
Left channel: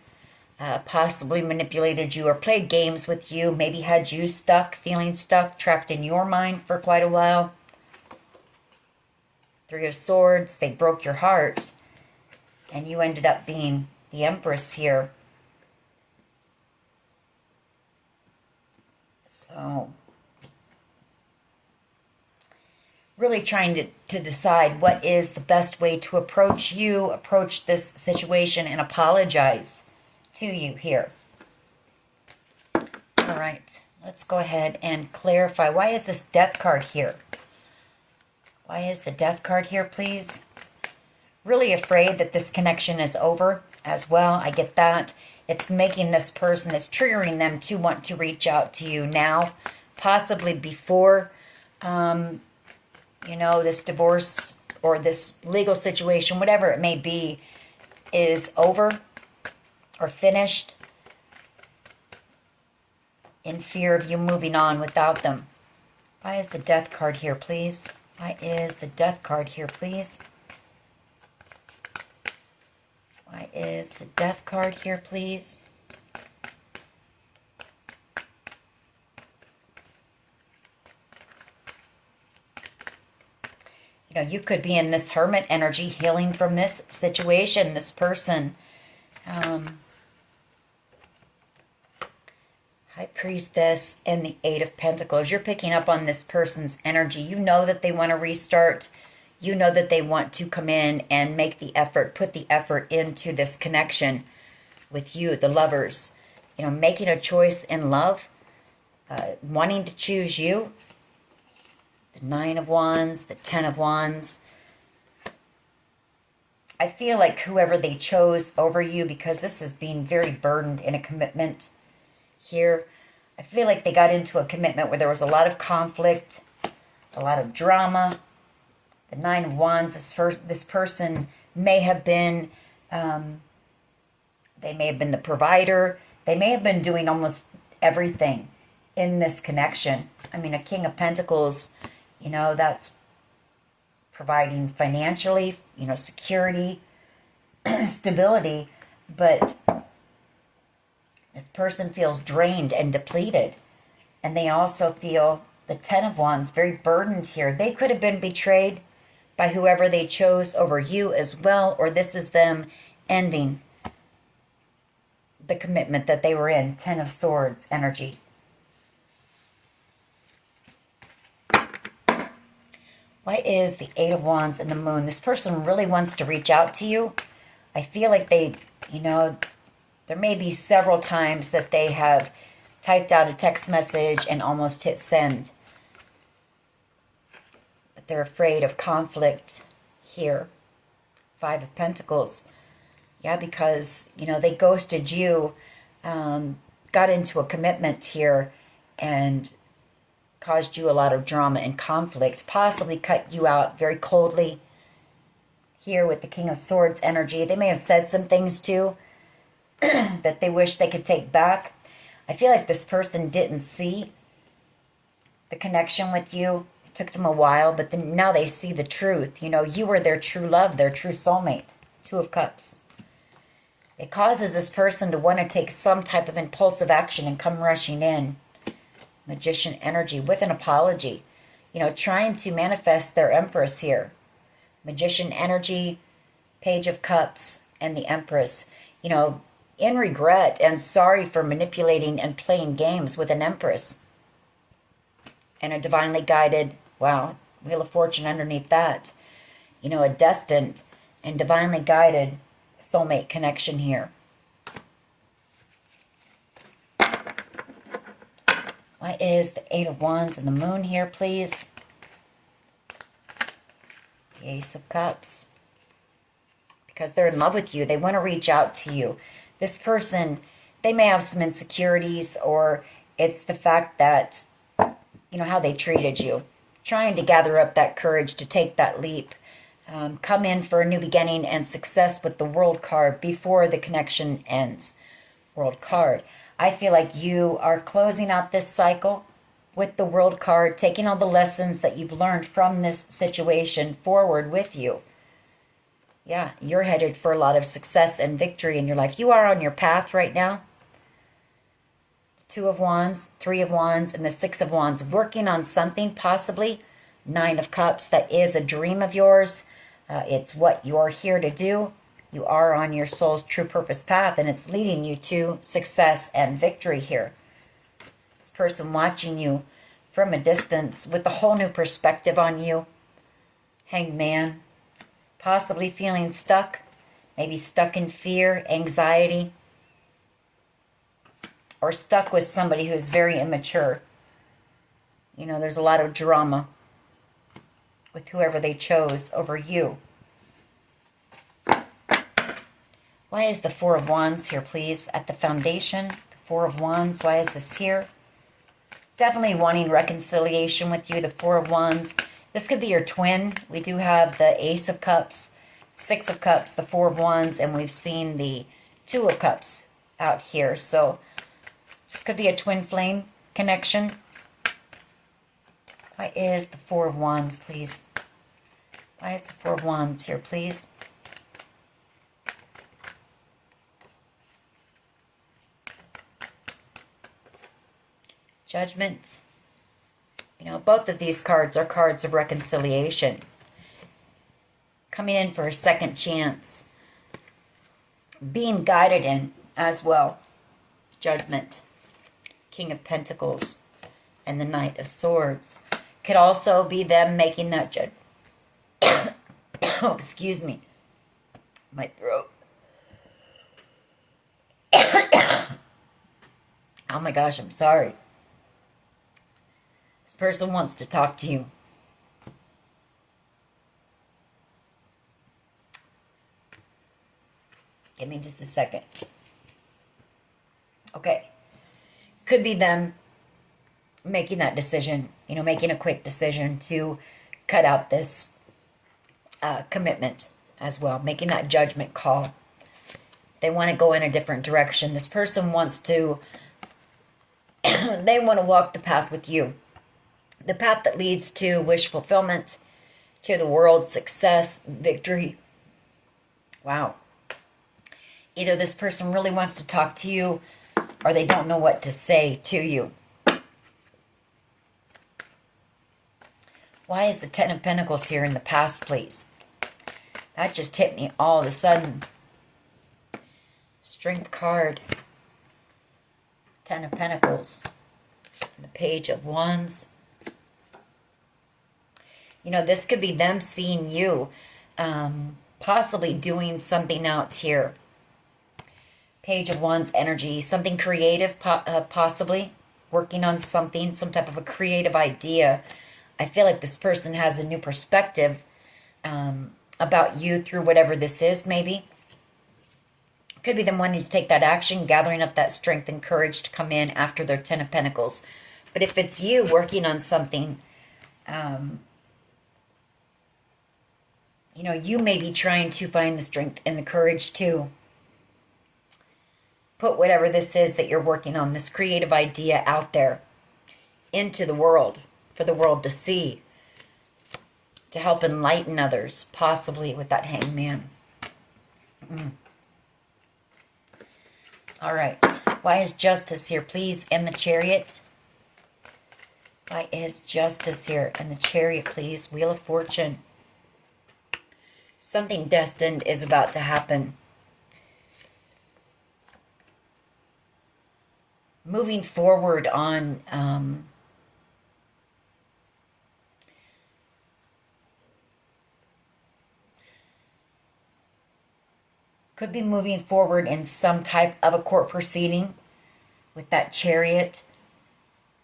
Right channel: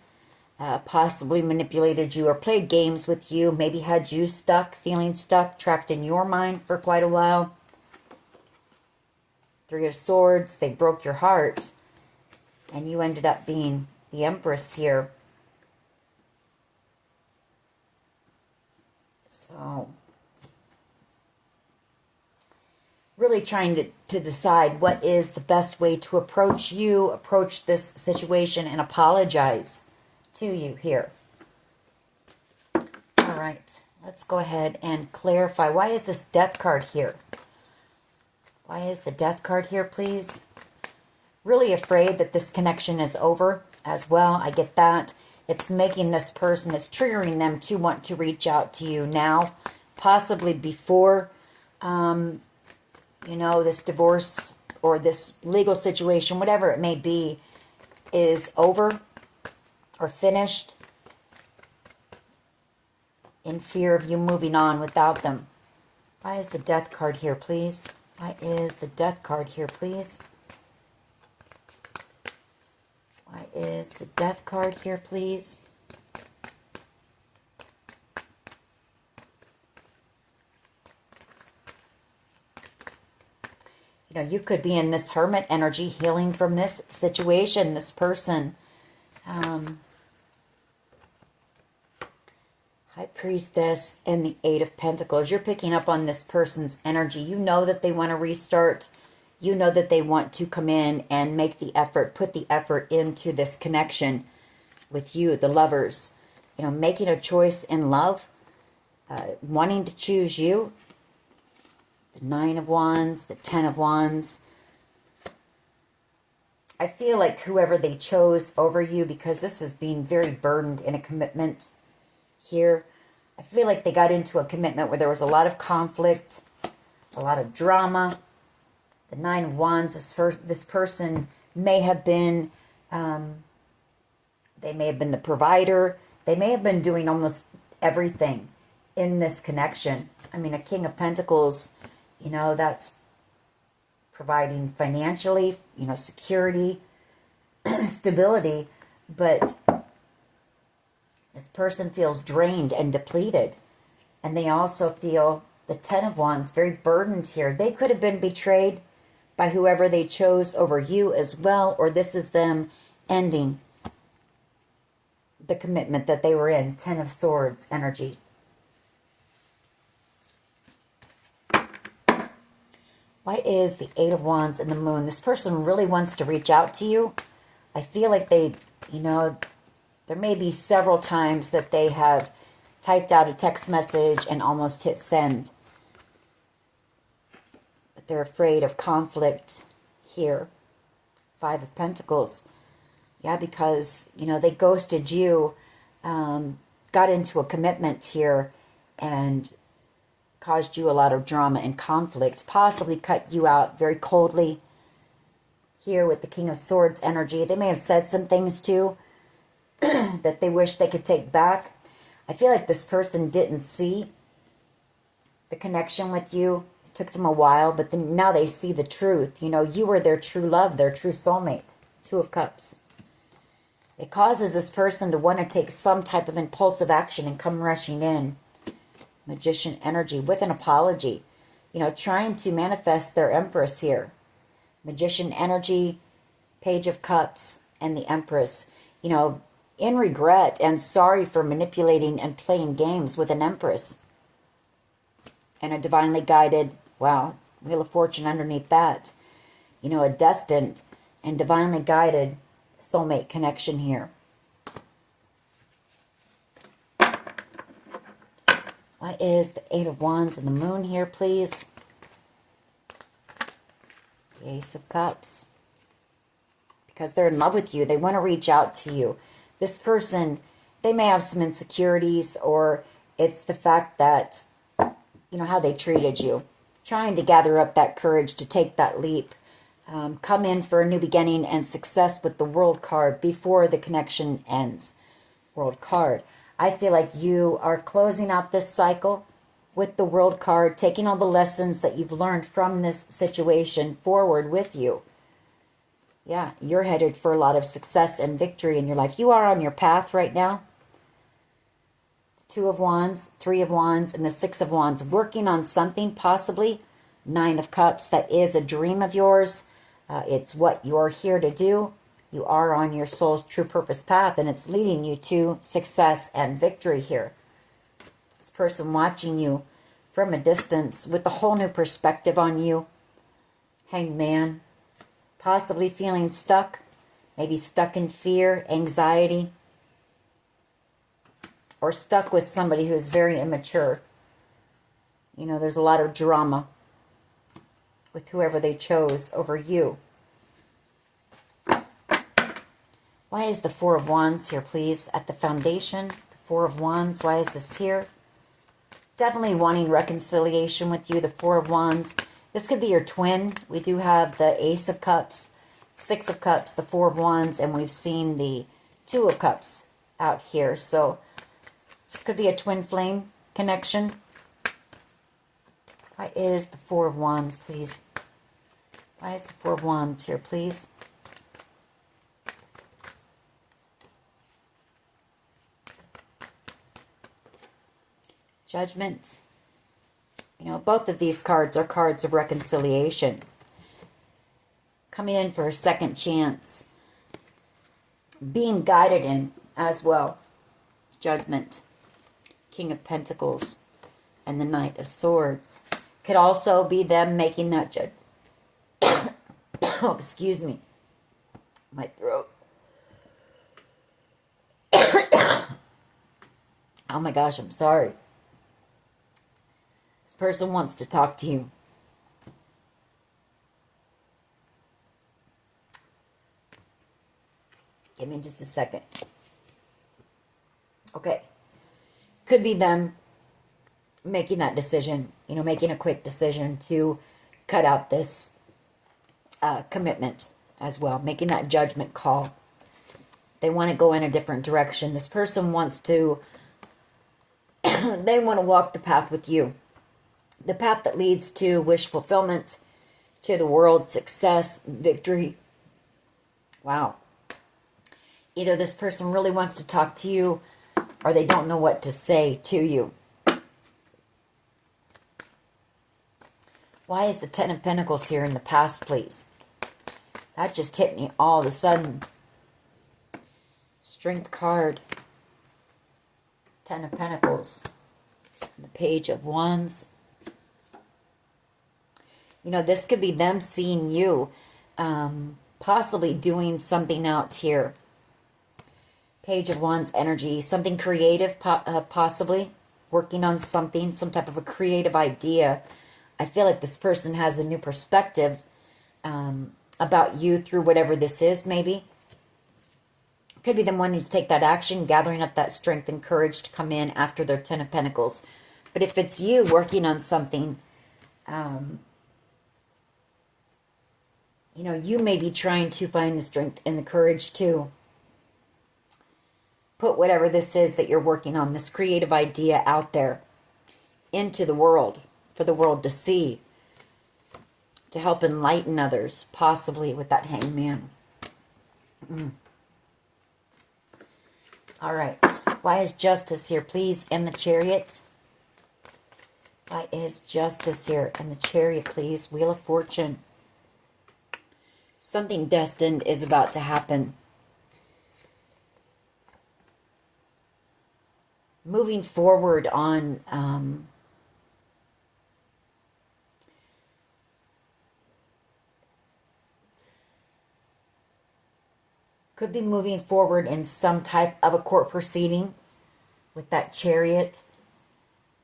Possibly manipulated you or played games with you. Maybe had you stuck, feeling stuck, trapped in your mind for quite a while. Three of Swords. They broke your heart. And you ended up being the Empress here. So, really trying to decide what is the best way to approach you, approach this situation, and apologize to you here. All right, let's go ahead and clarify. Why is this Death card here? Why is the Death card here, please? really afraid that this connection is over as well. I get that. It's making this person, it's triggering them to want to reach out to you now, possibly before, you know, this divorce or this legal situation, whatever it may be, is over or finished, in fear of you moving on without them. Why is the Death card here, please? Why is the Death card here, please? Why is the Death card here, please? You know, you could be in this Hermit energy, healing from this situation, this person. High Priestess and the Eight of Pentacles. You're picking up on this person's energy. You know that they want to restart. You know that they want to come in and make the effort, put the effort into this connection with you, the lovers. You know, making a choice in love, wanting to choose you. The Nine of Wands, the Ten of Wands. I feel like whoever they chose over you, because this is being very burdened in a commitment here. I feel like they got into a commitment where there was a lot of conflict, a lot of drama. The Nine of Wands, this person may have been, they may have been the provider. They may have been doing almost everything in this connection. I mean, a King of Pentacles, you know, that's providing financially, you know, security, stability, but this person feels drained and depleted. And they also feel, the Ten of Wands, very burdened here. They could have been betrayed by whoever they chose over you as well, or this is them ending the commitment that they were in. Ten of Swords energy. Why is the Eight of Wands and the Moon? This person really wants to reach out to you. I feel like they, you know, there may be several times that they have typed out a text message and almost hit send. But they're afraid of conflict here. Five of Pentacles. Yeah, because, you know, they ghosted you, got into a commitment here, and caused you a lot of drama and conflict. Possibly cut you out very coldly. Here with the King of Swords energy. They may have said some things too that they wish they could take back. I feel like this person didn't see the connection with you. It took them a while, but then now they see the truth. You know, you were their true love, their true soulmate. Two of Cups. It causes this person to want to take some type of impulsive action and come rushing in. Magician energy with an apology. You know, trying to manifest their Empress here. Magician energy, Page of Cups, and the Empress. You know, in regret and sorry for manipulating and playing games with an Empress. And a divinely guided, wow, Wheel of Fortune underneath that. You know, a destined and divinely guided soulmate connection here. Why is the Eight of Wands and the Moon here, please? The Ace of Cups. Because they're in love with you. They want to reach out to you. This person, they may have some insecurities, or it's the fact that, you know, how they treated you. Trying to gather up that courage to take that leap. Come in for a new beginning and success with the World card before the connection ends. World card. I feel like you are closing out this cycle with the World card, taking all the lessons that you've learned from this situation forward with you. Yeah, you're headed for a lot of success and victory in your life. You are on your path right now. Two of Wands, Three of Wands, and the Six of Wands. Working on something, possibly. Nine of Cups, that is a dream of yours. It's what you're here to do. You are on your soul's true purpose path, and it's leading you to success and victory here. This person watching you from a distance with a whole new perspective on you. Hanged Man. Possibly feeling stuck. Maybe stuck in fear, anxiety. Or stuck with somebody who's very immature. You know, there's a lot of drama with whoever they chose over you. Why is the Four of Wands here, please? At the foundation, the Four of Wands. Why is this here? Definitely wanting reconciliation with you, the Four of Wands. This could be your twin. We do have the Ace of Cups, Six of Cups, the Four of Wands, and we've seen the Two of Cups out here. So this could be a twin flame connection. Why is the Four of Wands, please? Why is the Four of Wands here, please? Judgment. You know, both of these cards are cards of reconciliation. Coming in for a second chance. Being guided in as well. Judgment. King of Pentacles. And the Knight of Swords. Could also be them making that oh, excuse me. My throat. Oh my gosh, I'm sorry. This person wants to talk to you. Give me just a second. Okay. Could be them making that decision, you know, making a quick decision to cut out this commitment as well, making that judgment call. They want to go in a different direction. This person wants to, they want to walk the path with you. The path that leads to wish fulfillment, to the world, success, victory. Wow. Either this person really wants to talk to you or they don't know what to say to you. Why is the Ten of Pentacles here in the past, please? That just hit me all of a sudden. Strength card. Ten of Pentacles. The Page of Wands. You know, this could be them seeing you. Possibly doing something out here. Page of Wands energy. Something creative, possibly. Working on something. Some type of a creative idea. I feel like this person has a new perspective about you through whatever this is, maybe. Could be them wanting to take that action, gathering up that strength and courage to come in after their Ten of Pentacles. But if it's you working on something, you know, you may be trying to find the strength and the courage to put whatever this is that you're working on, this creative idea out there into the world. For the world to see, to help enlighten others, possibly with that Hangman. All right. Why is Justice here, please? And the Chariot. Why is Justice here? And the Chariot, please. Wheel of Fortune. Something destined is about to happen. Moving forward on... could be moving forward in some type of a court proceeding with that Chariot.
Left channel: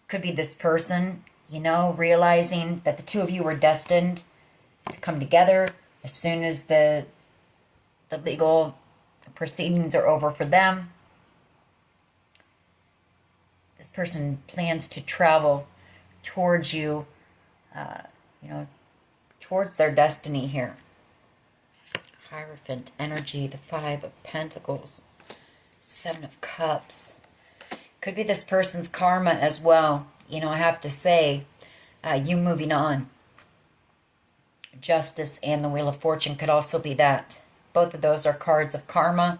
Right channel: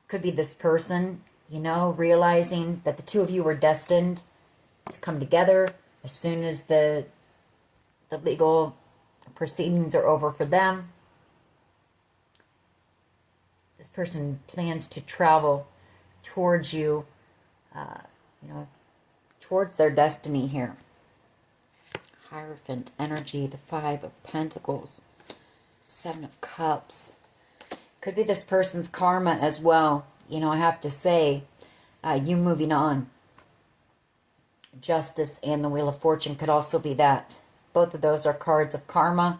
Could be this person, you know, realizing that the two of you were destined to come together as soon as the legal proceedings are over for them. This person plans to travel towards you, you know, towards their destiny here. Hierophant energy, the Five of Pentacles, Seven of Cups. Could be this person's karma as well. You know, I have to say, you moving on. Justice and the Wheel of Fortune could also be that. Both of those are cards of karma.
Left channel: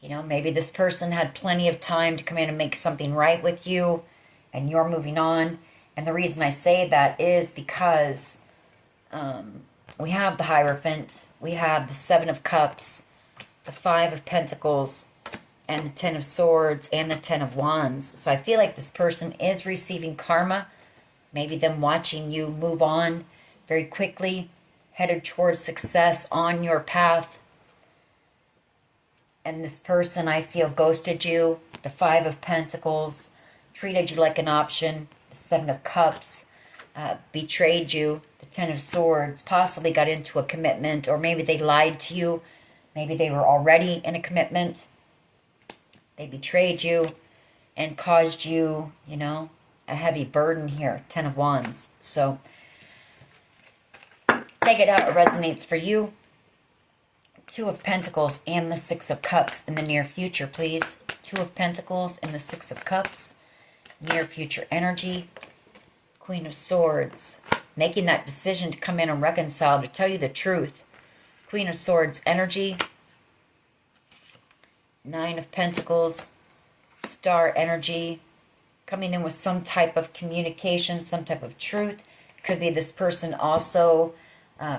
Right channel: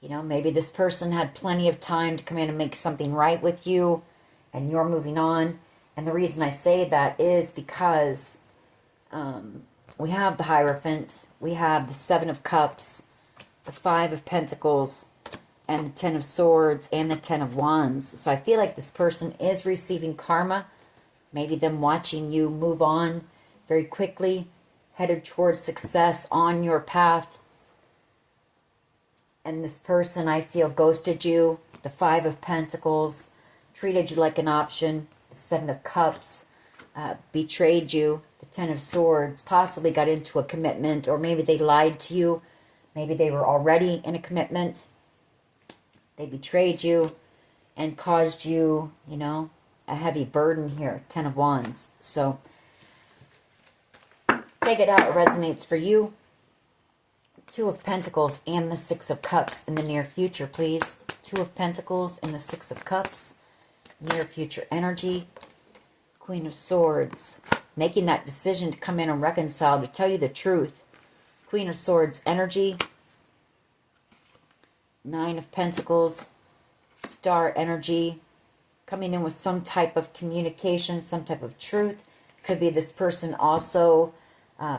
You know, maybe this person had plenty of time to come in and make something right with you, and you're moving on. And the reason I say that is because we have the Hierophant, we have the Seven of Cups, the Five of Pentacles, and the Ten of Swords, and the Ten of Wands. So I feel like this person is receiving karma. Maybe them watching you move on very quickly, headed towards success on your path. And this person, I feel, ghosted you. The Five of Pentacles, treated you like an option. The Seven of Cups, betrayed you. The Ten of Swords, possibly got into a commitment, or maybe they lied to you Maybe they were already in a commitment. They betrayed you and caused you, you know, a heavy burden here. 10 of Wands. So take it how it resonates for you. 2 of Pentacles and the 6 of Cups in the near future, please. 2 of Pentacles and the 6 of Cups. Near future energy. Queen of Swords. Making that decision to come in and reconcile, to tell you the truth. Queen of Swords energy. 9 of Pentacles. Star energy. Coming in with some type of communication, some type of truth. Could be this person also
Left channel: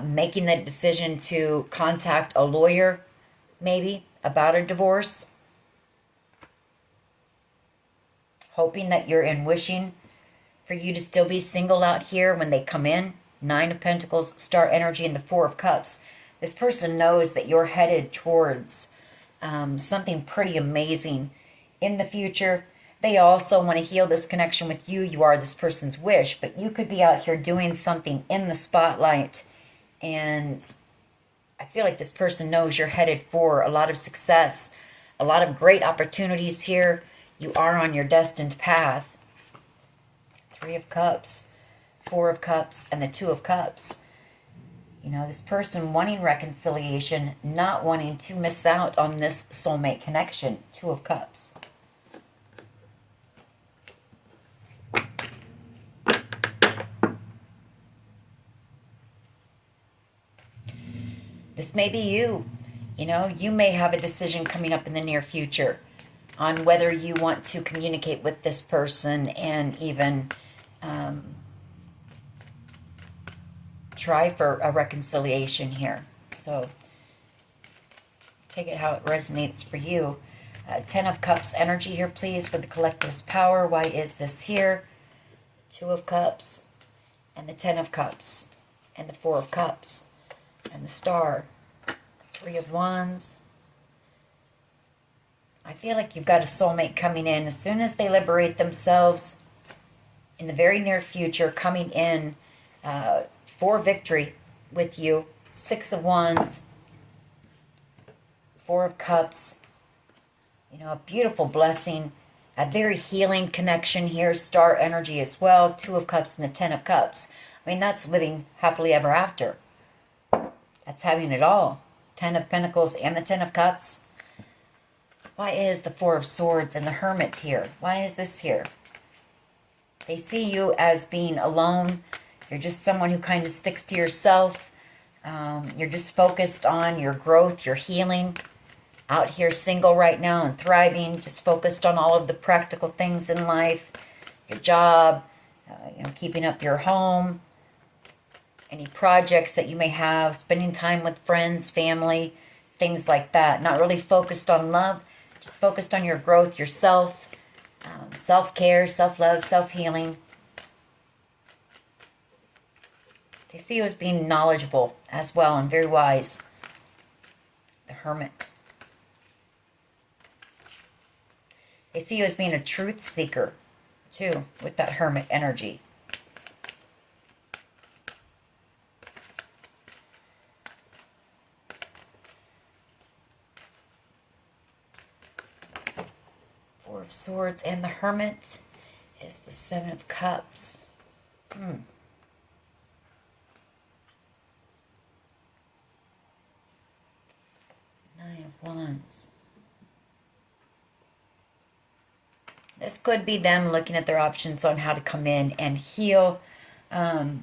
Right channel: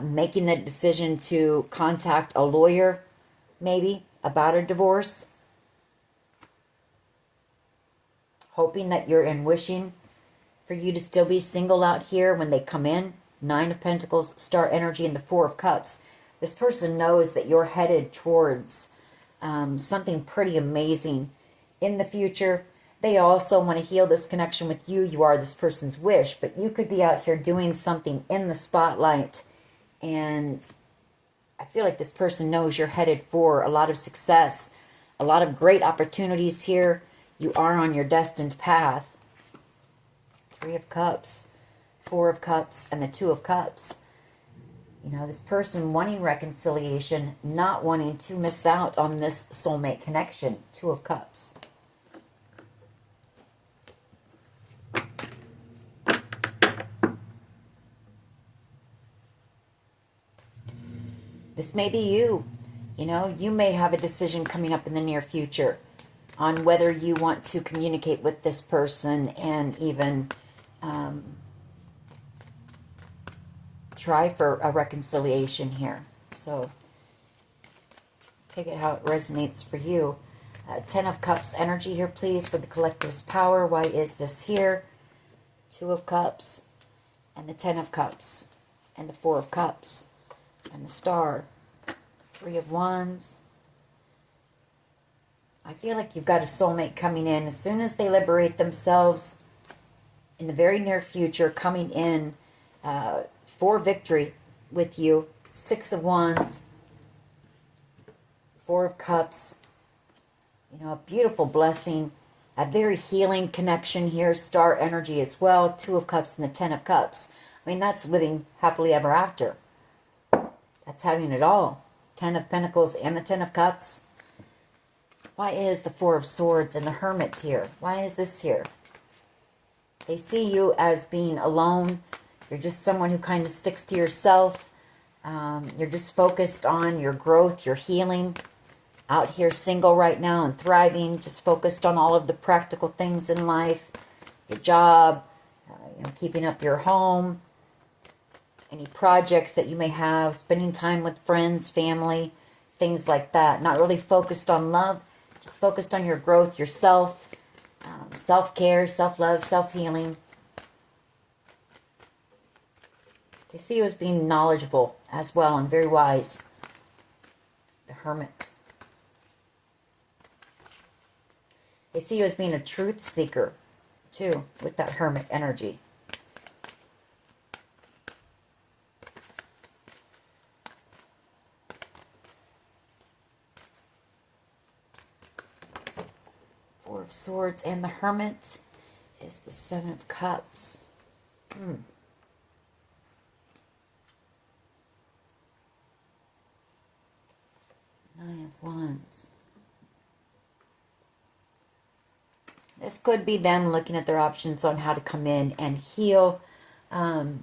making the decision to contact a lawyer, maybe, about a divorce. Hoping that you're in wishing for you to still be single out here when they come in. 9 of Pentacles, Star energy, and the 4 of Cups. This person knows that you're headed towards something pretty amazing in the future. They also want to heal this connection with you. You are this person's wish, but you could be out here doing something in the spotlight. And I feel like this person knows you're headed for a lot of success, a lot of great opportunities here. You are on your destined path. 3 of Cups, 4 of Cups, and the 2 of Cups. You know, this person wanting reconciliation, not wanting to miss out on this soulmate connection. 2 of Cups. This may be you. You know, you may have a decision coming up in the near future on whether you want to communicate with this person and even try for a reconciliation here. So take it how it resonates for you. 10 of Cups energy here, please, for the collective's power. Why is this here? 2 of Cups and the 10 of Cups and the 4 of Cups. And the Star, 3 of Wands. I feel like you've got a soulmate coming in. As soon as they liberate themselves, in the very near future, coming in for victory with you. 6 of Wands, 4 of Cups. You know, a beautiful blessing. A very healing connection here. Star energy as well. 2 of Cups and the 10 of Cups. I mean, that's living happily ever after. That's having it all. 10 of Pentacles and the 10 of Cups. Why is the 4 of Swords and the Hermit here? Why is this here? They see you as being alone. You're just someone who kind of sticks to yourself. You're just focused on your growth, your healing. Out here single right now and thriving. Just focused on all of the practical things in life. Your job. You know, keeping up your home. Any projects that you may have, spending time with friends, family, things like that. Not really focused on love, just focused on your growth, yourself, self-care, self-love, self-healing. They see you as being knowledgeable as well and very wise. The Hermit. They see you as being a truth seeker, too, with that Hermit energy. Of Swords and the Hermit is the 7 of Cups. 9 of Wands. This could be them looking at their options on how to come in and heal. You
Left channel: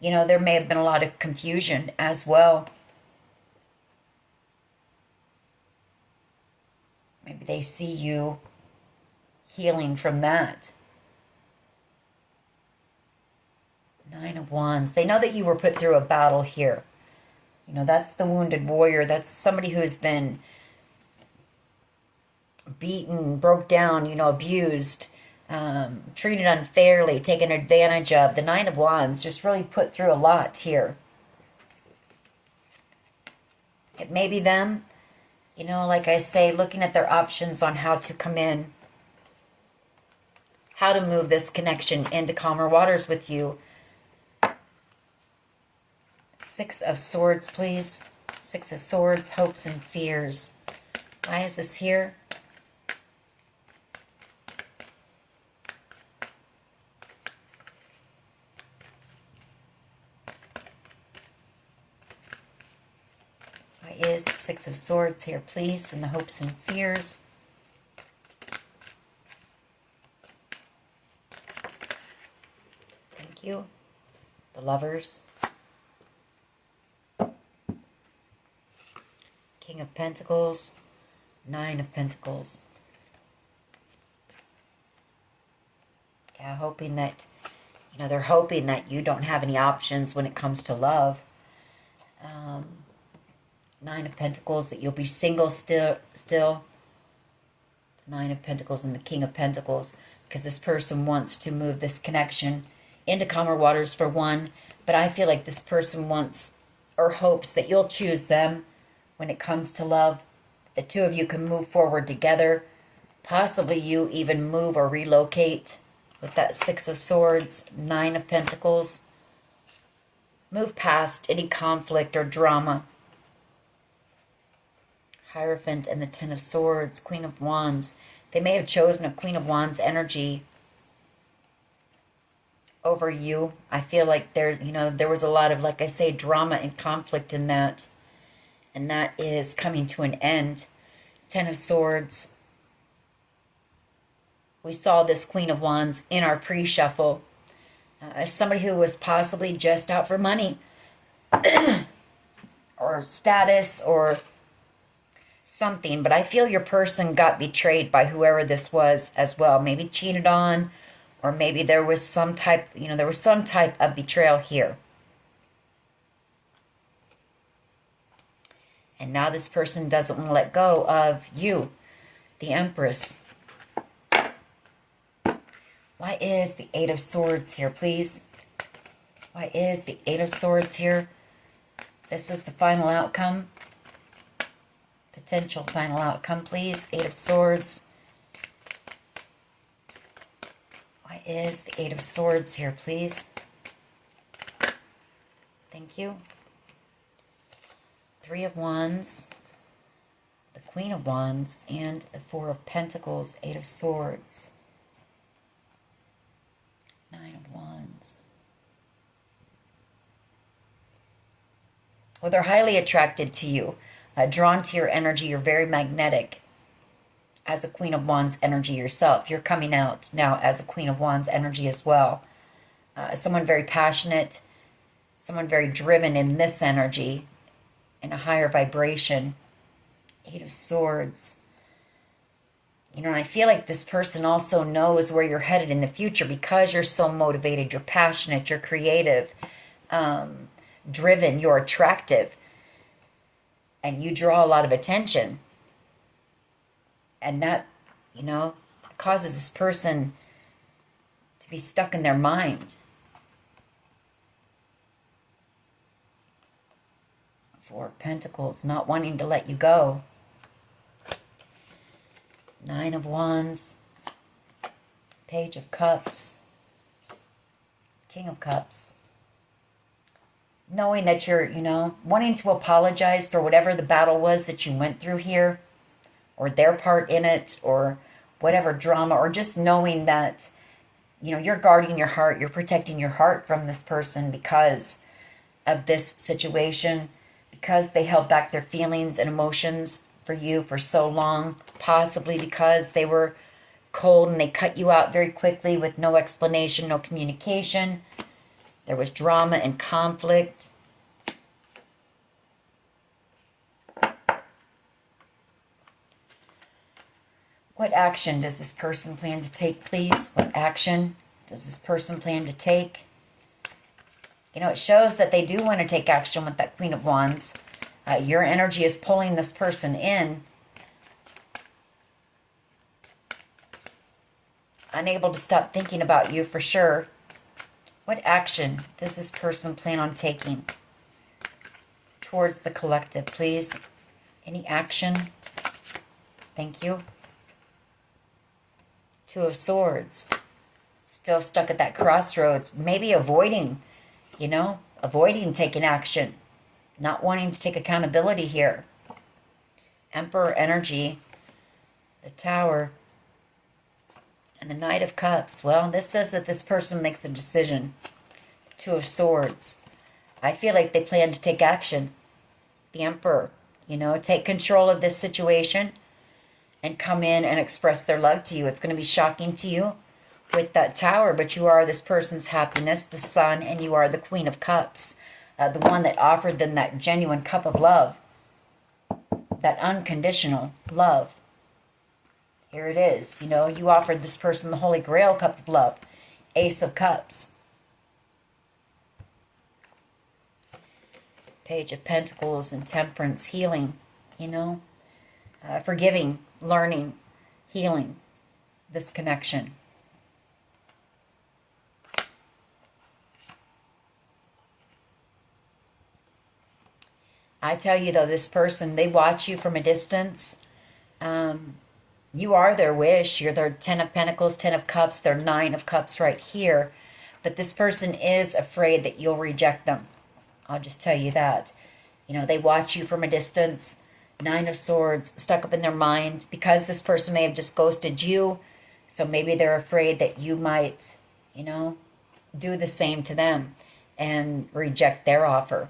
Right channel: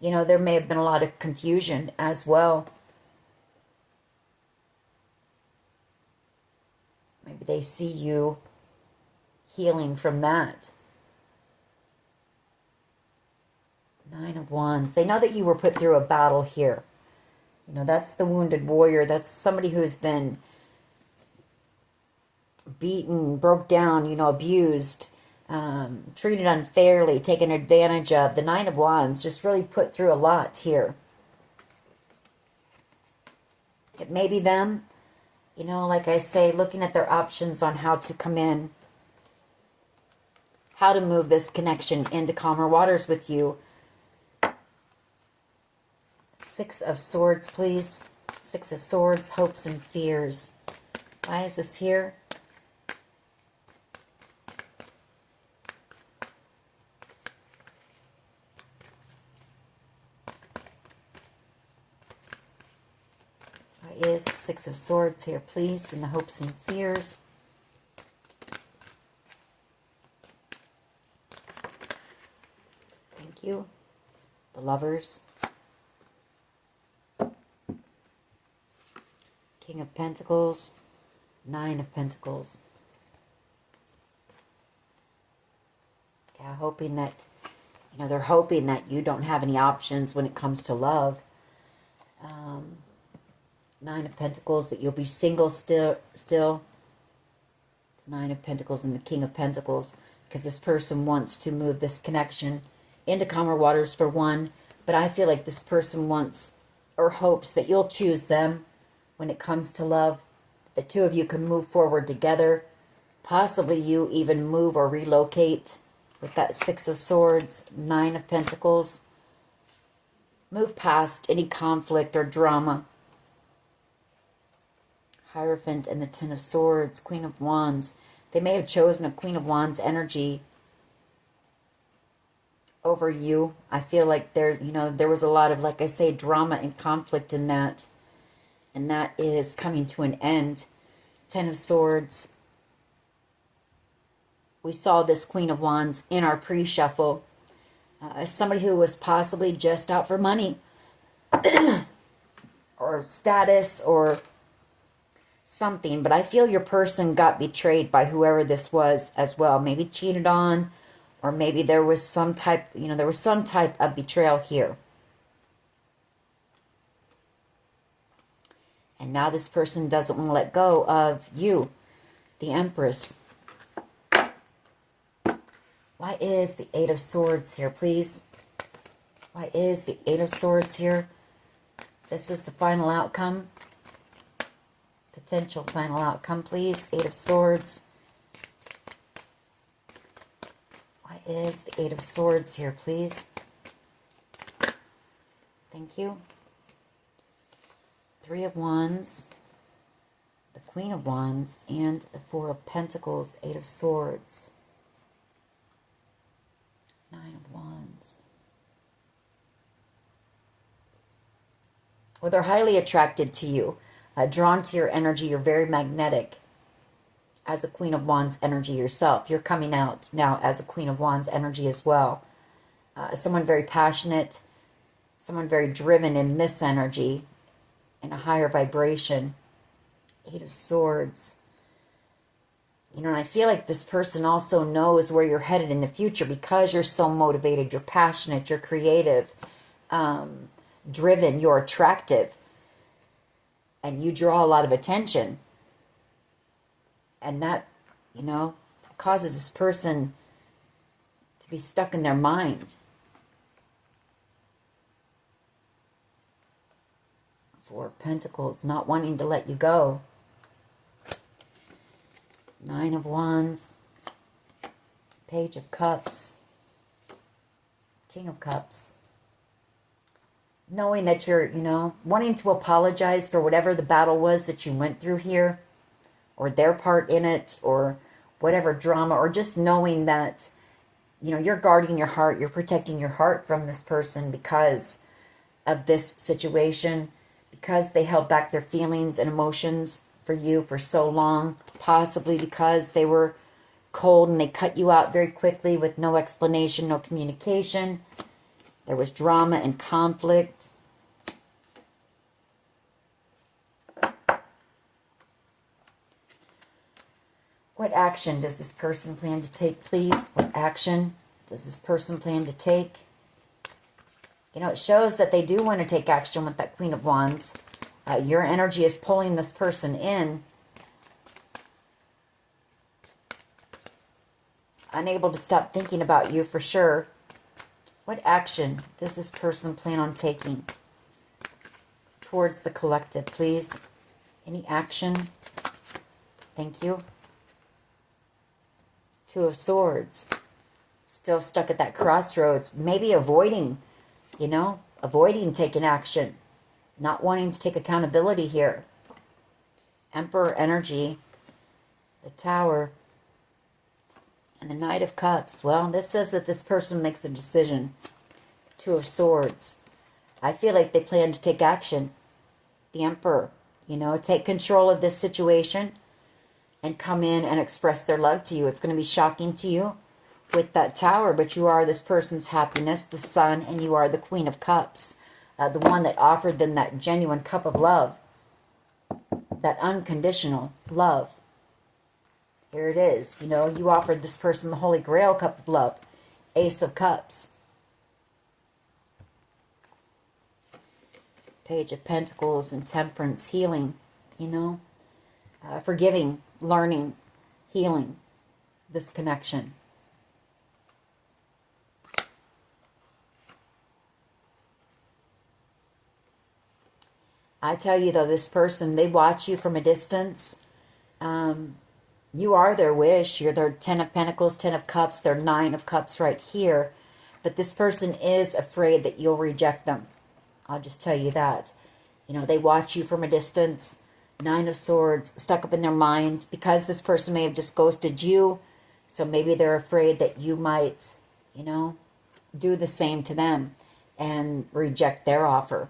know, there may have been a lot of confusion as well. Maybe they see you healing from that. 9 of Wands. They know that you were put through a battle here. You know, that's the wounded warrior. That's somebody who has been beaten, broke down, you know, abused, treated unfairly, taken advantage of. The 9 of Wands just really put through a lot here. It may be them, you know, like I say, looking at their options on how to come in, how to move this connection into calmer waters with you. 6 of Swords, please. Six of Swords, hopes and fears. Why is this here? Why is the Six of Swords here, please? And the hopes and fears. Thank you. The Lovers. King of Pentacles. Nine of Pentacles. Yeah, hoping that, they're hoping that you don't have any options when it comes to love. Nine of Pentacles, that you'll be single still. Nine of Pentacles and the King of Pentacles, because this person wants to move this connection into calmer waters for one, but I feel like this person wants or hopes that you'll choose them when it comes to love. The two of you can move forward together. Possibly you even move or relocate with that Six of Swords, Nine of Pentacles. Move past any conflict or drama. Hierophant and the Ten of Swords, Queen of Wands. They may have chosen a Queen of Wands energy over you. I feel like there was a lot of, like I say, drama and conflict in that. And that is coming to an end. Ten of Swords. We saw this Queen of Wands in our pre-shuffle. Somebody who was possibly just out for money. Or status or something. But I feel your person got betrayed by whoever this was as well. Maybe cheated on. Or maybe there was some type, of betrayal here. And now this person doesn't want to let go of you, the Empress. Why is the Eight of Swords here, please? Why is the Eight of Swords here? This is the final outcome. Potential final outcome, please. Eight of Swords. Why is the Eight of Swords here, please? Thank you. Three of Wands, the Queen of Wands, and the Four of Pentacles, Eight of Swords, Nine of Wands. Well, they're highly attracted to you, drawn to your energy. You're very magnetic as a Queen of Wands energy yourself. You're coming out now as a Queen of Wands energy as well. Someone very passionate, someone very driven in this energy, in a higher vibration. Eight of Swords. And I feel like this person also knows where you're headed in the future because you're so motivated, you're passionate, you're creative, driven, you're attractive, and you draw a lot of attention. And that, causes this person to be stuck in their mind. Four of Pentacles, not wanting to let you go. Nine of Wands, Page of Cups, King of Cups. Knowing that you're, wanting to apologize for whatever the battle was that you went through here, or their part in it, or whatever drama, or just knowing that, you're guarding your heart, you're protecting your heart from this person because of this situation, because they held back their feelings and emotions for you for so long, possibly because they were cold and they cut you out very quickly with no explanation, no communication. There was drama and conflict. What action does this person plan to take, please? What action does this person plan to take? It shows that they do want to take action with that Queen of Wands. Your energy is pulling this person in. Unable to stop thinking about you for sure. What action does this person plan on taking towards the collective, please? Any action? Thank you. Two of Swords. Still stuck at that crossroads. Maybe avoiding, avoiding taking action. not wanting to take accountability here. Emperor energy, the Tower, and the Knight of Cups. Well, this says that this person makes a decision. Two of Swords. I feel like they plan to take action. The Emperor, you know, take control of this situation and come in and express their love to you. It's going to be shocking to you with that Tower, but you are this person's happiness, the Sun, and you are the Queen of Cups, the one that offered them that genuine cup of love, that unconditional love. Here it is. You know, you offered this person the Holy Grail cup of love, Ace of Cups. Page of Pentacles and Temperance, healing, you know, forgiving, learning, healing this connection. I tell you though, this person, they watch you from a distance. You are their wish. You're their 10 of Pentacles, 10 of Cups, their 9 of Cups right here. But this person is afraid that you'll reject them. I'll just tell you that. You know, they watch you from a distance. 9 of Swords stuck up in their mind because this person may have just ghosted you. So maybe they're afraid that you might, you know, do the same to them and reject their offer.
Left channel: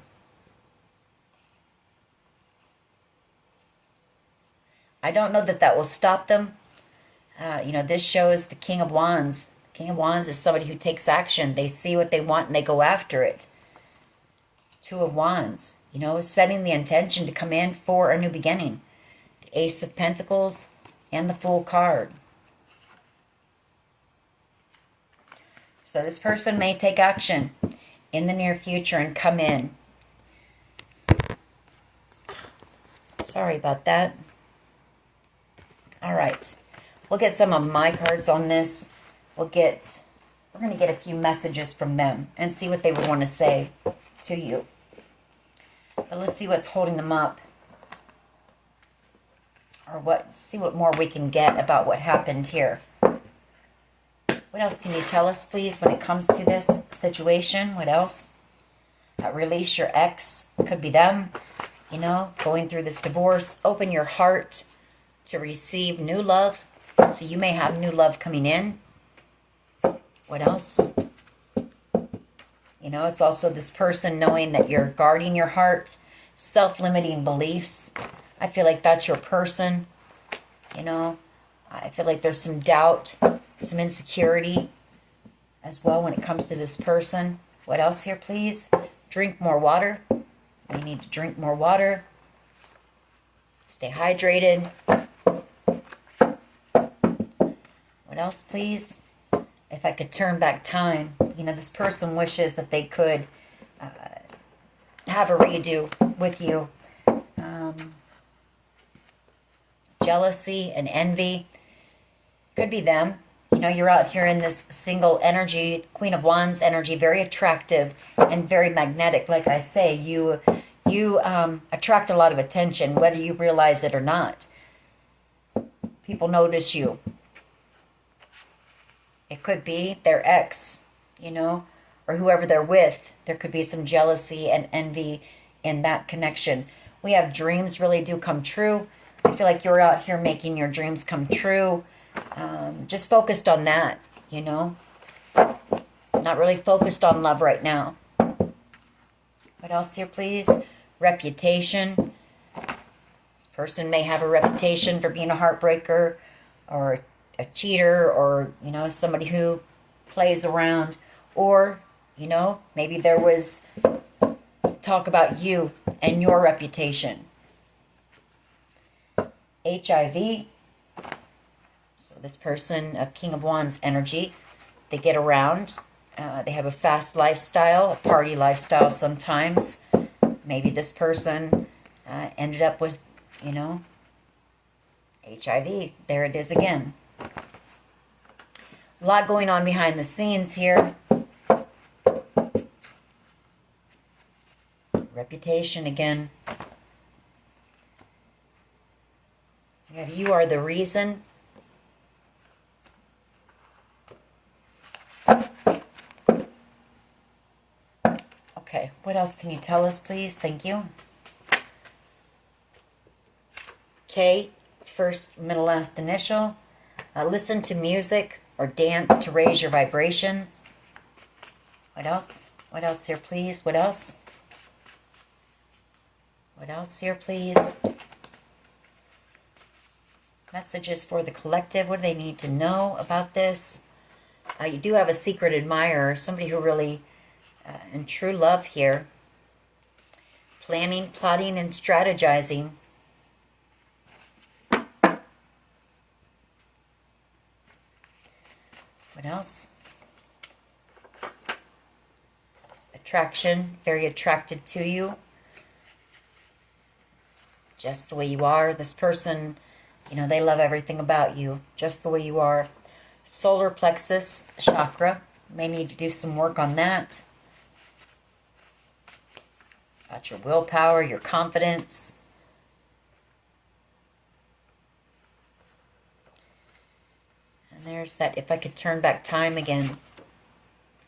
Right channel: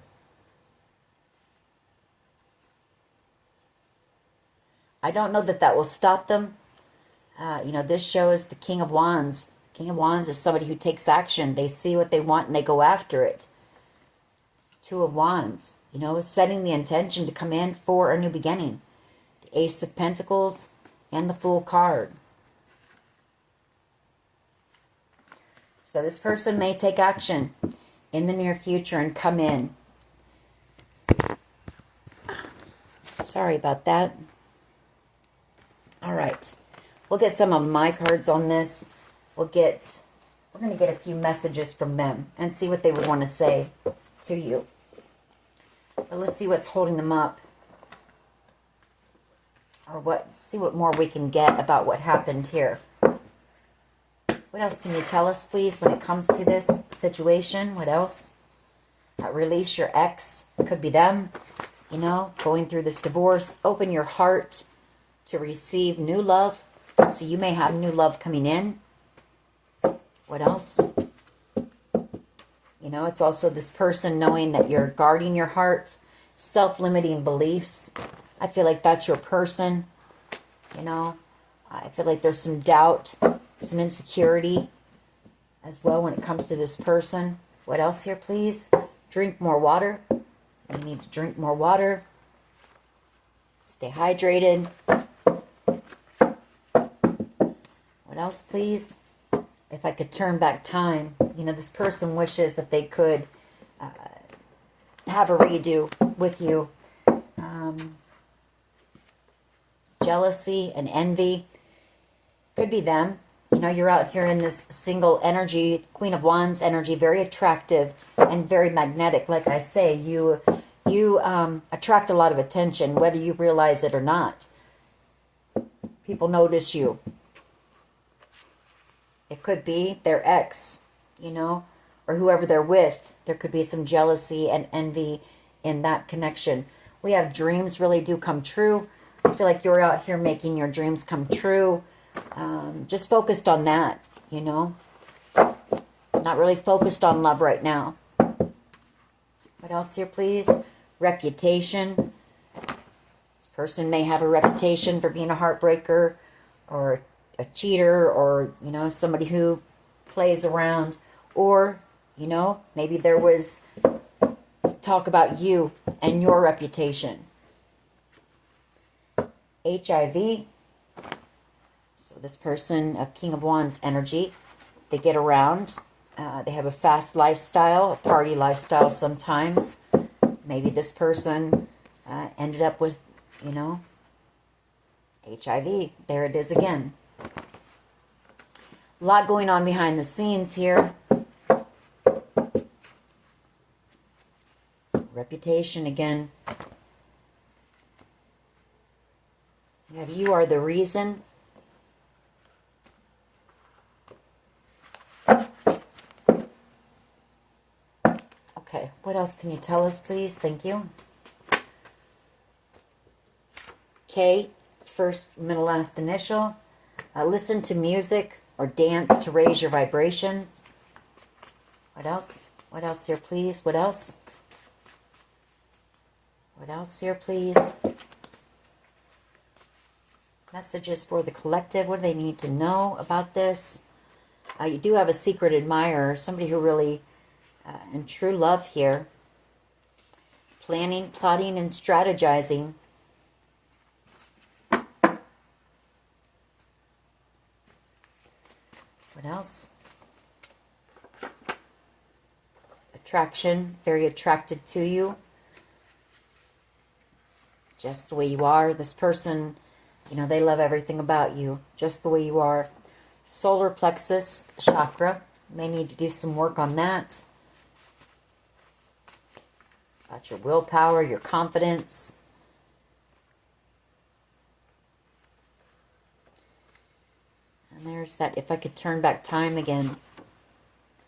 I don't know that that will stop them. You know, this shows the King of Wands. King of Wands is somebody who takes action. They see what they want and they go after it. Two of Wands, you know, setting the intention to come in for a new beginning. The Ace of Pentacles and the Fool card. So this person may take action in the near future and come in. Sorry about that. All right. We'll get some of my cards on this. We're going to get a few messages from them and see what they would want to say to you. But let's see what's holding them up. Or see what more we can get about what happened here. What else can you tell us, please, when it comes to this situation? What else? Release your ex. Could be them, you know, going through this divorce. Open your heart to receive new love. So you may have new love coming in. What else? You know, it's also this person knowing that you're guarding your heart, self-limiting beliefs. I feel like that's your person. You know, I feel like there's some doubt, some insecurity as well when it comes to this person. What else here, please? Drink more water. You need to drink more water. Stay hydrated. What else, please? If I could turn back time, you know, this person wishes that they could have a redo with you. Jealousy and envy. Could be them. You know, you're out here in this single energy, Queen of Wands energy, very attractive and very magnetic. Like I say, you attract a lot of attention, whether you realize it or not. People notice you. It could be their ex, you know, or whoever they're with. There could be some jealousy and envy in that connection. We have dreams really do come true. I feel like you're out here making your dreams come true. Just focused on that, you know. Not really focused on love right now. What else here, please? Reputation. This person may have a reputation for being a heartbreaker or a cheater, or, you know, somebody who plays around, or, you know, maybe there was talk about you and your reputation. HIV. So this person, a King of Wands energy, they get around. They have a fast lifestyle, a party lifestyle sometimes. Maybe this person ended up with, you know, HIV. There it is again. A lot going on behind the scenes here. Reputation again. You are the reason. Okay, what else can you tell us, please? Thank you. K, first, middle, last initial. Listen to music or dance to raise your vibrations. What else? What else here, please? What else? What else here, please? Messages for the collective. What do they need to know about this? You do have a secret admirer, somebody who really, in true love here. Planning, plotting, and strategizing. What else? Attraction, very attracted to you. Just the way you are. This person, you know, they love everything about you, just the way you are. Solar plexus chakra. May need to do some work on that. About your willpower, your confidence. And there's that If I Could Turn Back Time Again.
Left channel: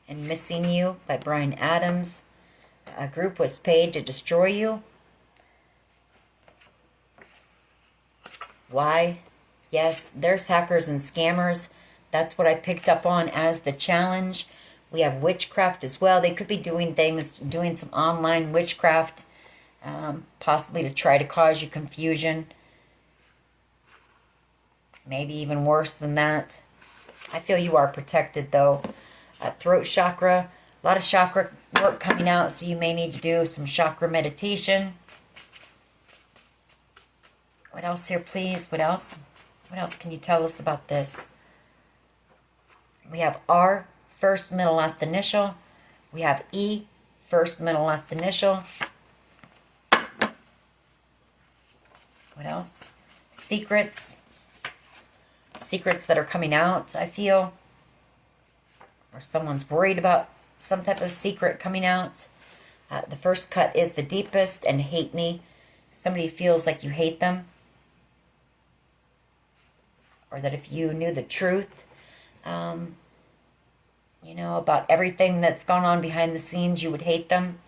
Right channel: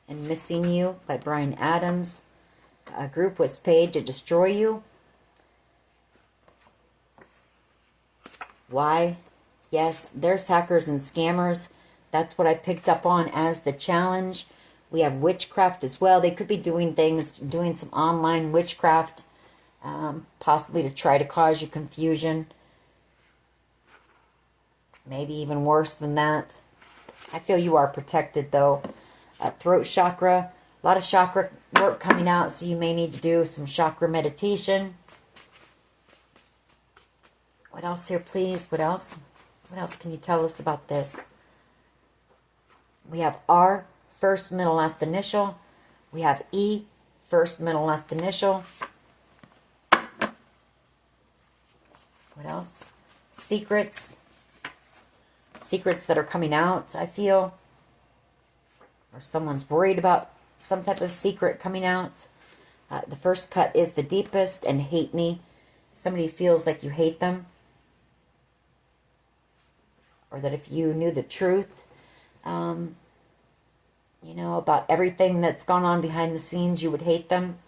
And Missing You by Bryan Adams. A group was paid to destroy you. Why? Yes, there's hackers and scammers. That's what I picked up on as the challenge. We have witchcraft as well. They could be doing things, doing some online witchcraft, possibly to try to cause you confusion. Maybe even worse than that. I feel you are protected, though. Throat chakra, a lot of chakra work coming out, so you may need to do some chakra meditation. What else here, please? What else? What else can you tell us about this? We have R, first, middle, last initial. We have E, first, middle, last initial. What else? Secrets. Secrets that are coming out, I feel. Or someone's worried about some type of secret coming out. The first cut is the deepest and hate me. Somebody feels like you hate them. Or that if you knew the truth, you know, about everything that's gone on behind the scenes, you would hate them.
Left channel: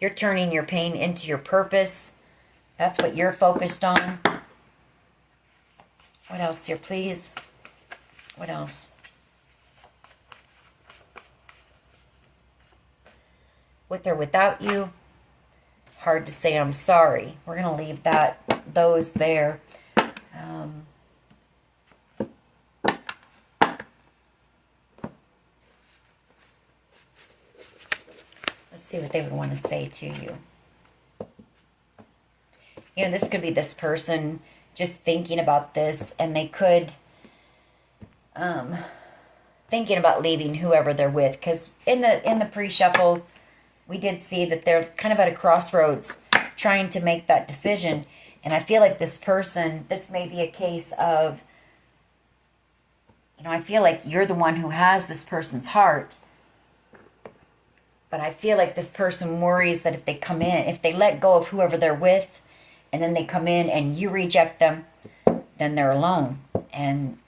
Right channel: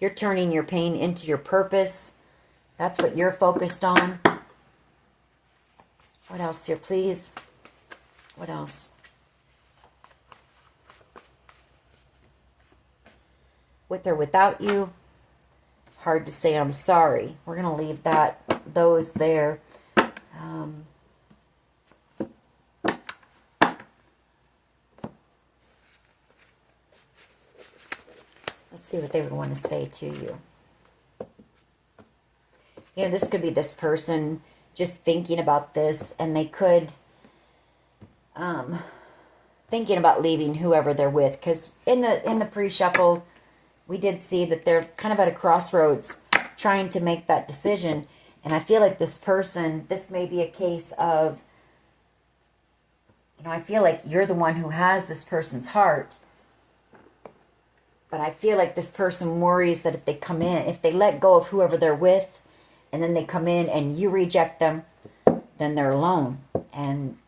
You're turning your pain into your purpose. That's what you're focused on. What else here, please? What else? With or without you. Hard to say I'm sorry. We're going to leave those there. Let's see what they would want to say to you. You know, this could be this person just thinking about this, and they could thinking about leaving whoever they're with, because in the pre-shuffle we did see that they're kind of at a crossroads trying to make that decision. And I feel like this person, this may be a case of, you know, I feel like you're the one who has this person's heart. But I feel like this person worries that if they come in, if they let go of whoever they're with, and then they come in and you reject them, then they're alone. And,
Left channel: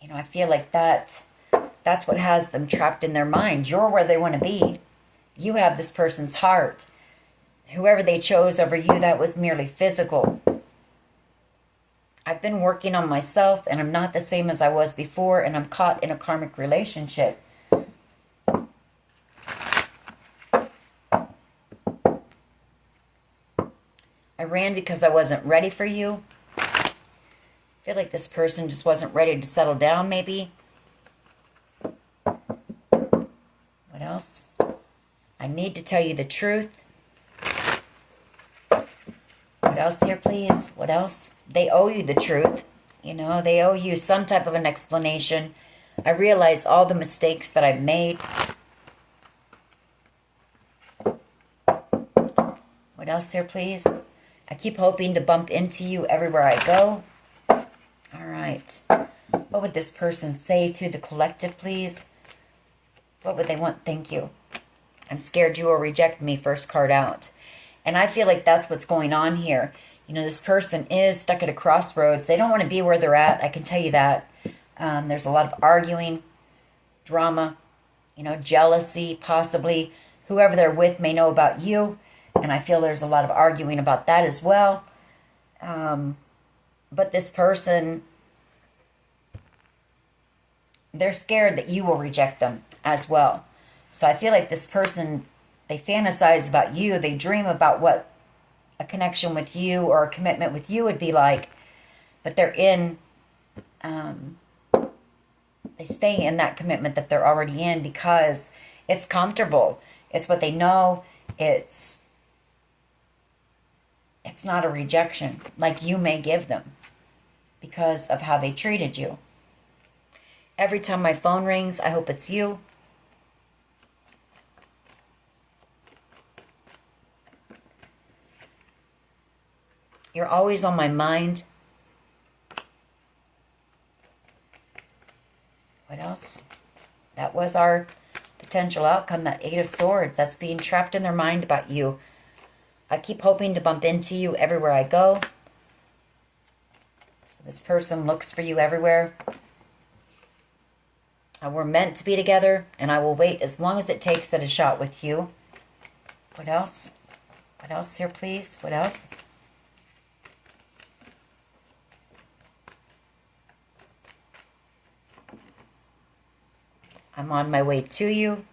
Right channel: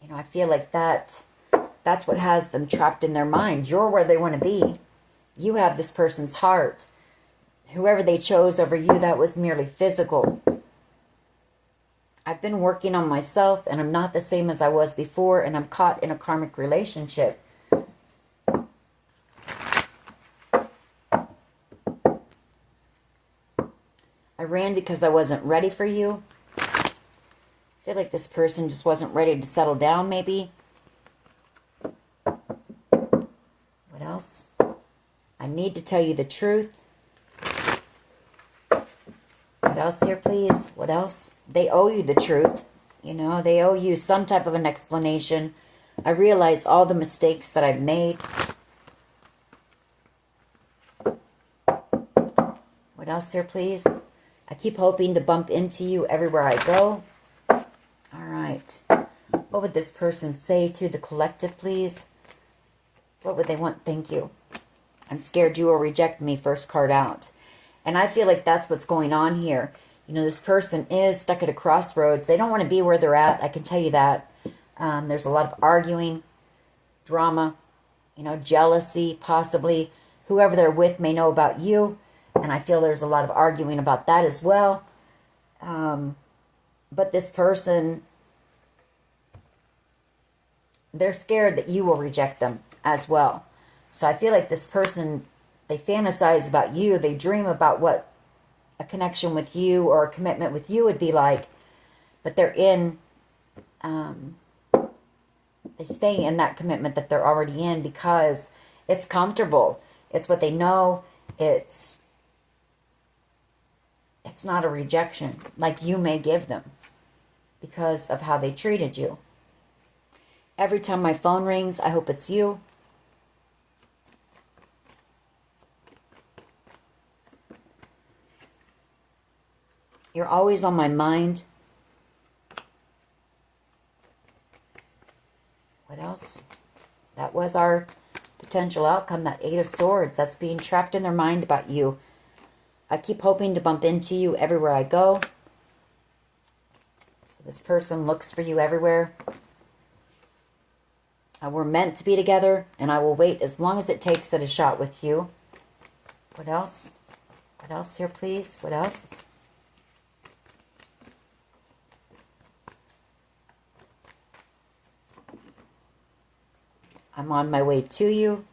you know, I feel like that's what has them trapped in their mind. You're where they want to be. You have this person's heart. Whoever they chose over you, that was merely physical. I've been working on myself, and I'm not the same as I was before, and I'm caught in a karmic relationship. I ran because I wasn't ready for you. I feel like this person just wasn't ready to settle down, maybe. What else? I need to tell you the truth. What else here, please? What else? They owe you the truth. You know, they owe you some type of an explanation. I realized all the mistakes that I've made. What else here, please? I keep hoping to bump into you everywhere I go. All right. What would this person say to the collective, please? What would they want? Thank you. I'm scared you will reject me, first card out. And I feel like that's what's going on here. You know, this person is stuck at a crossroads. They don't want to be where they're at. I can tell you that. There's a lot of arguing, drama, you know, jealousy, possibly. whoever they're with may know about you. And I feel there's a lot of arguing about that as well. But this person, they're scared that you will reject them as well. So I feel like this person, they fantasize about you. They dream about what a connection with you or a commitment with you would be like. But they're in, they stay in that commitment that they're already in because it's comfortable. It's what they know. It's not a rejection like you may give them because of how they treated you. Every time my phone rings, I hope it's you. You're always on my mind. What else? That was our potential outcome, that Eight of Swords. That's being trapped in their mind about you. I keep hoping to bump into you everywhere I go. So this person looks for you everywhere. We're meant to be together, and I will wait as long as it takes at a shot with you. What else? What else here, please? What else? I'm on my way to you.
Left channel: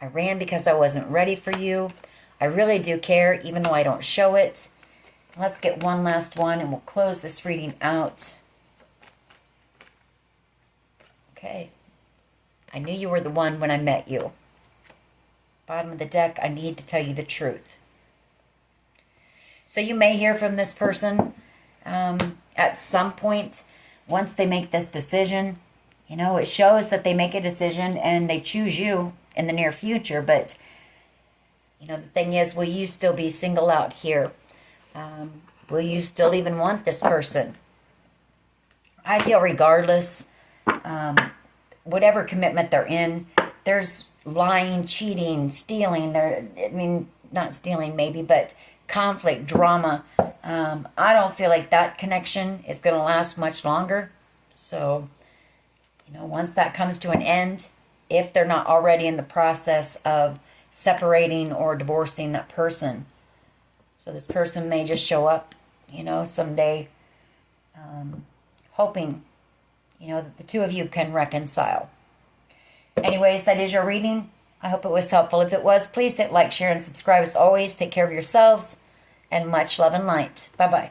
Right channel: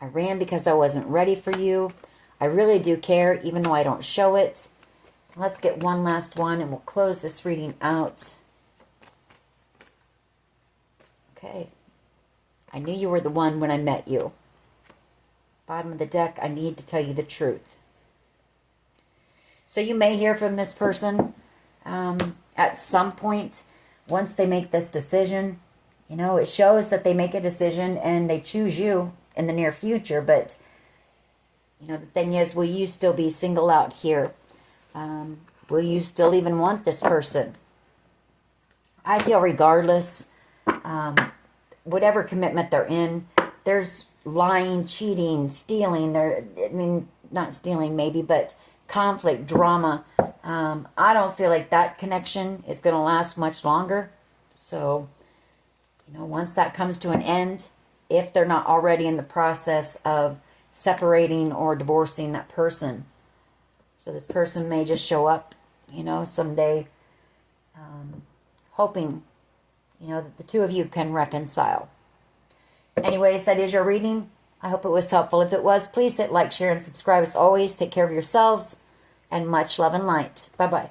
I ran because I wasn't ready for you. I really do care, even though I don't show it. Let's get one last one, and we'll close this reading out. Okay. I knew you were the one when I met you. Bottom of the deck, I need to tell you the truth. So you may hear from this person at some point once they make this decision. You know, it shows that they make a decision and they choose you in the near future. But, you know, the thing is, will you still be single out here? Will you still even want this person? I feel regardless, whatever commitment they're in, there's lying, cheating, stealing. I mean, not stealing maybe, but conflict, drama. I don't feel like that connection is going to last much longer. So, you know, once that comes to an end, if they're not already in the process of separating or divorcing that person. So this person may just show up, you know, someday, hoping, you know, that the two of you can reconcile. Anyways, that is your reading. I hope it was helpful. If it was, please hit like, share, and subscribe. As always, take care of yourselves, and much love and light. Bye-bye.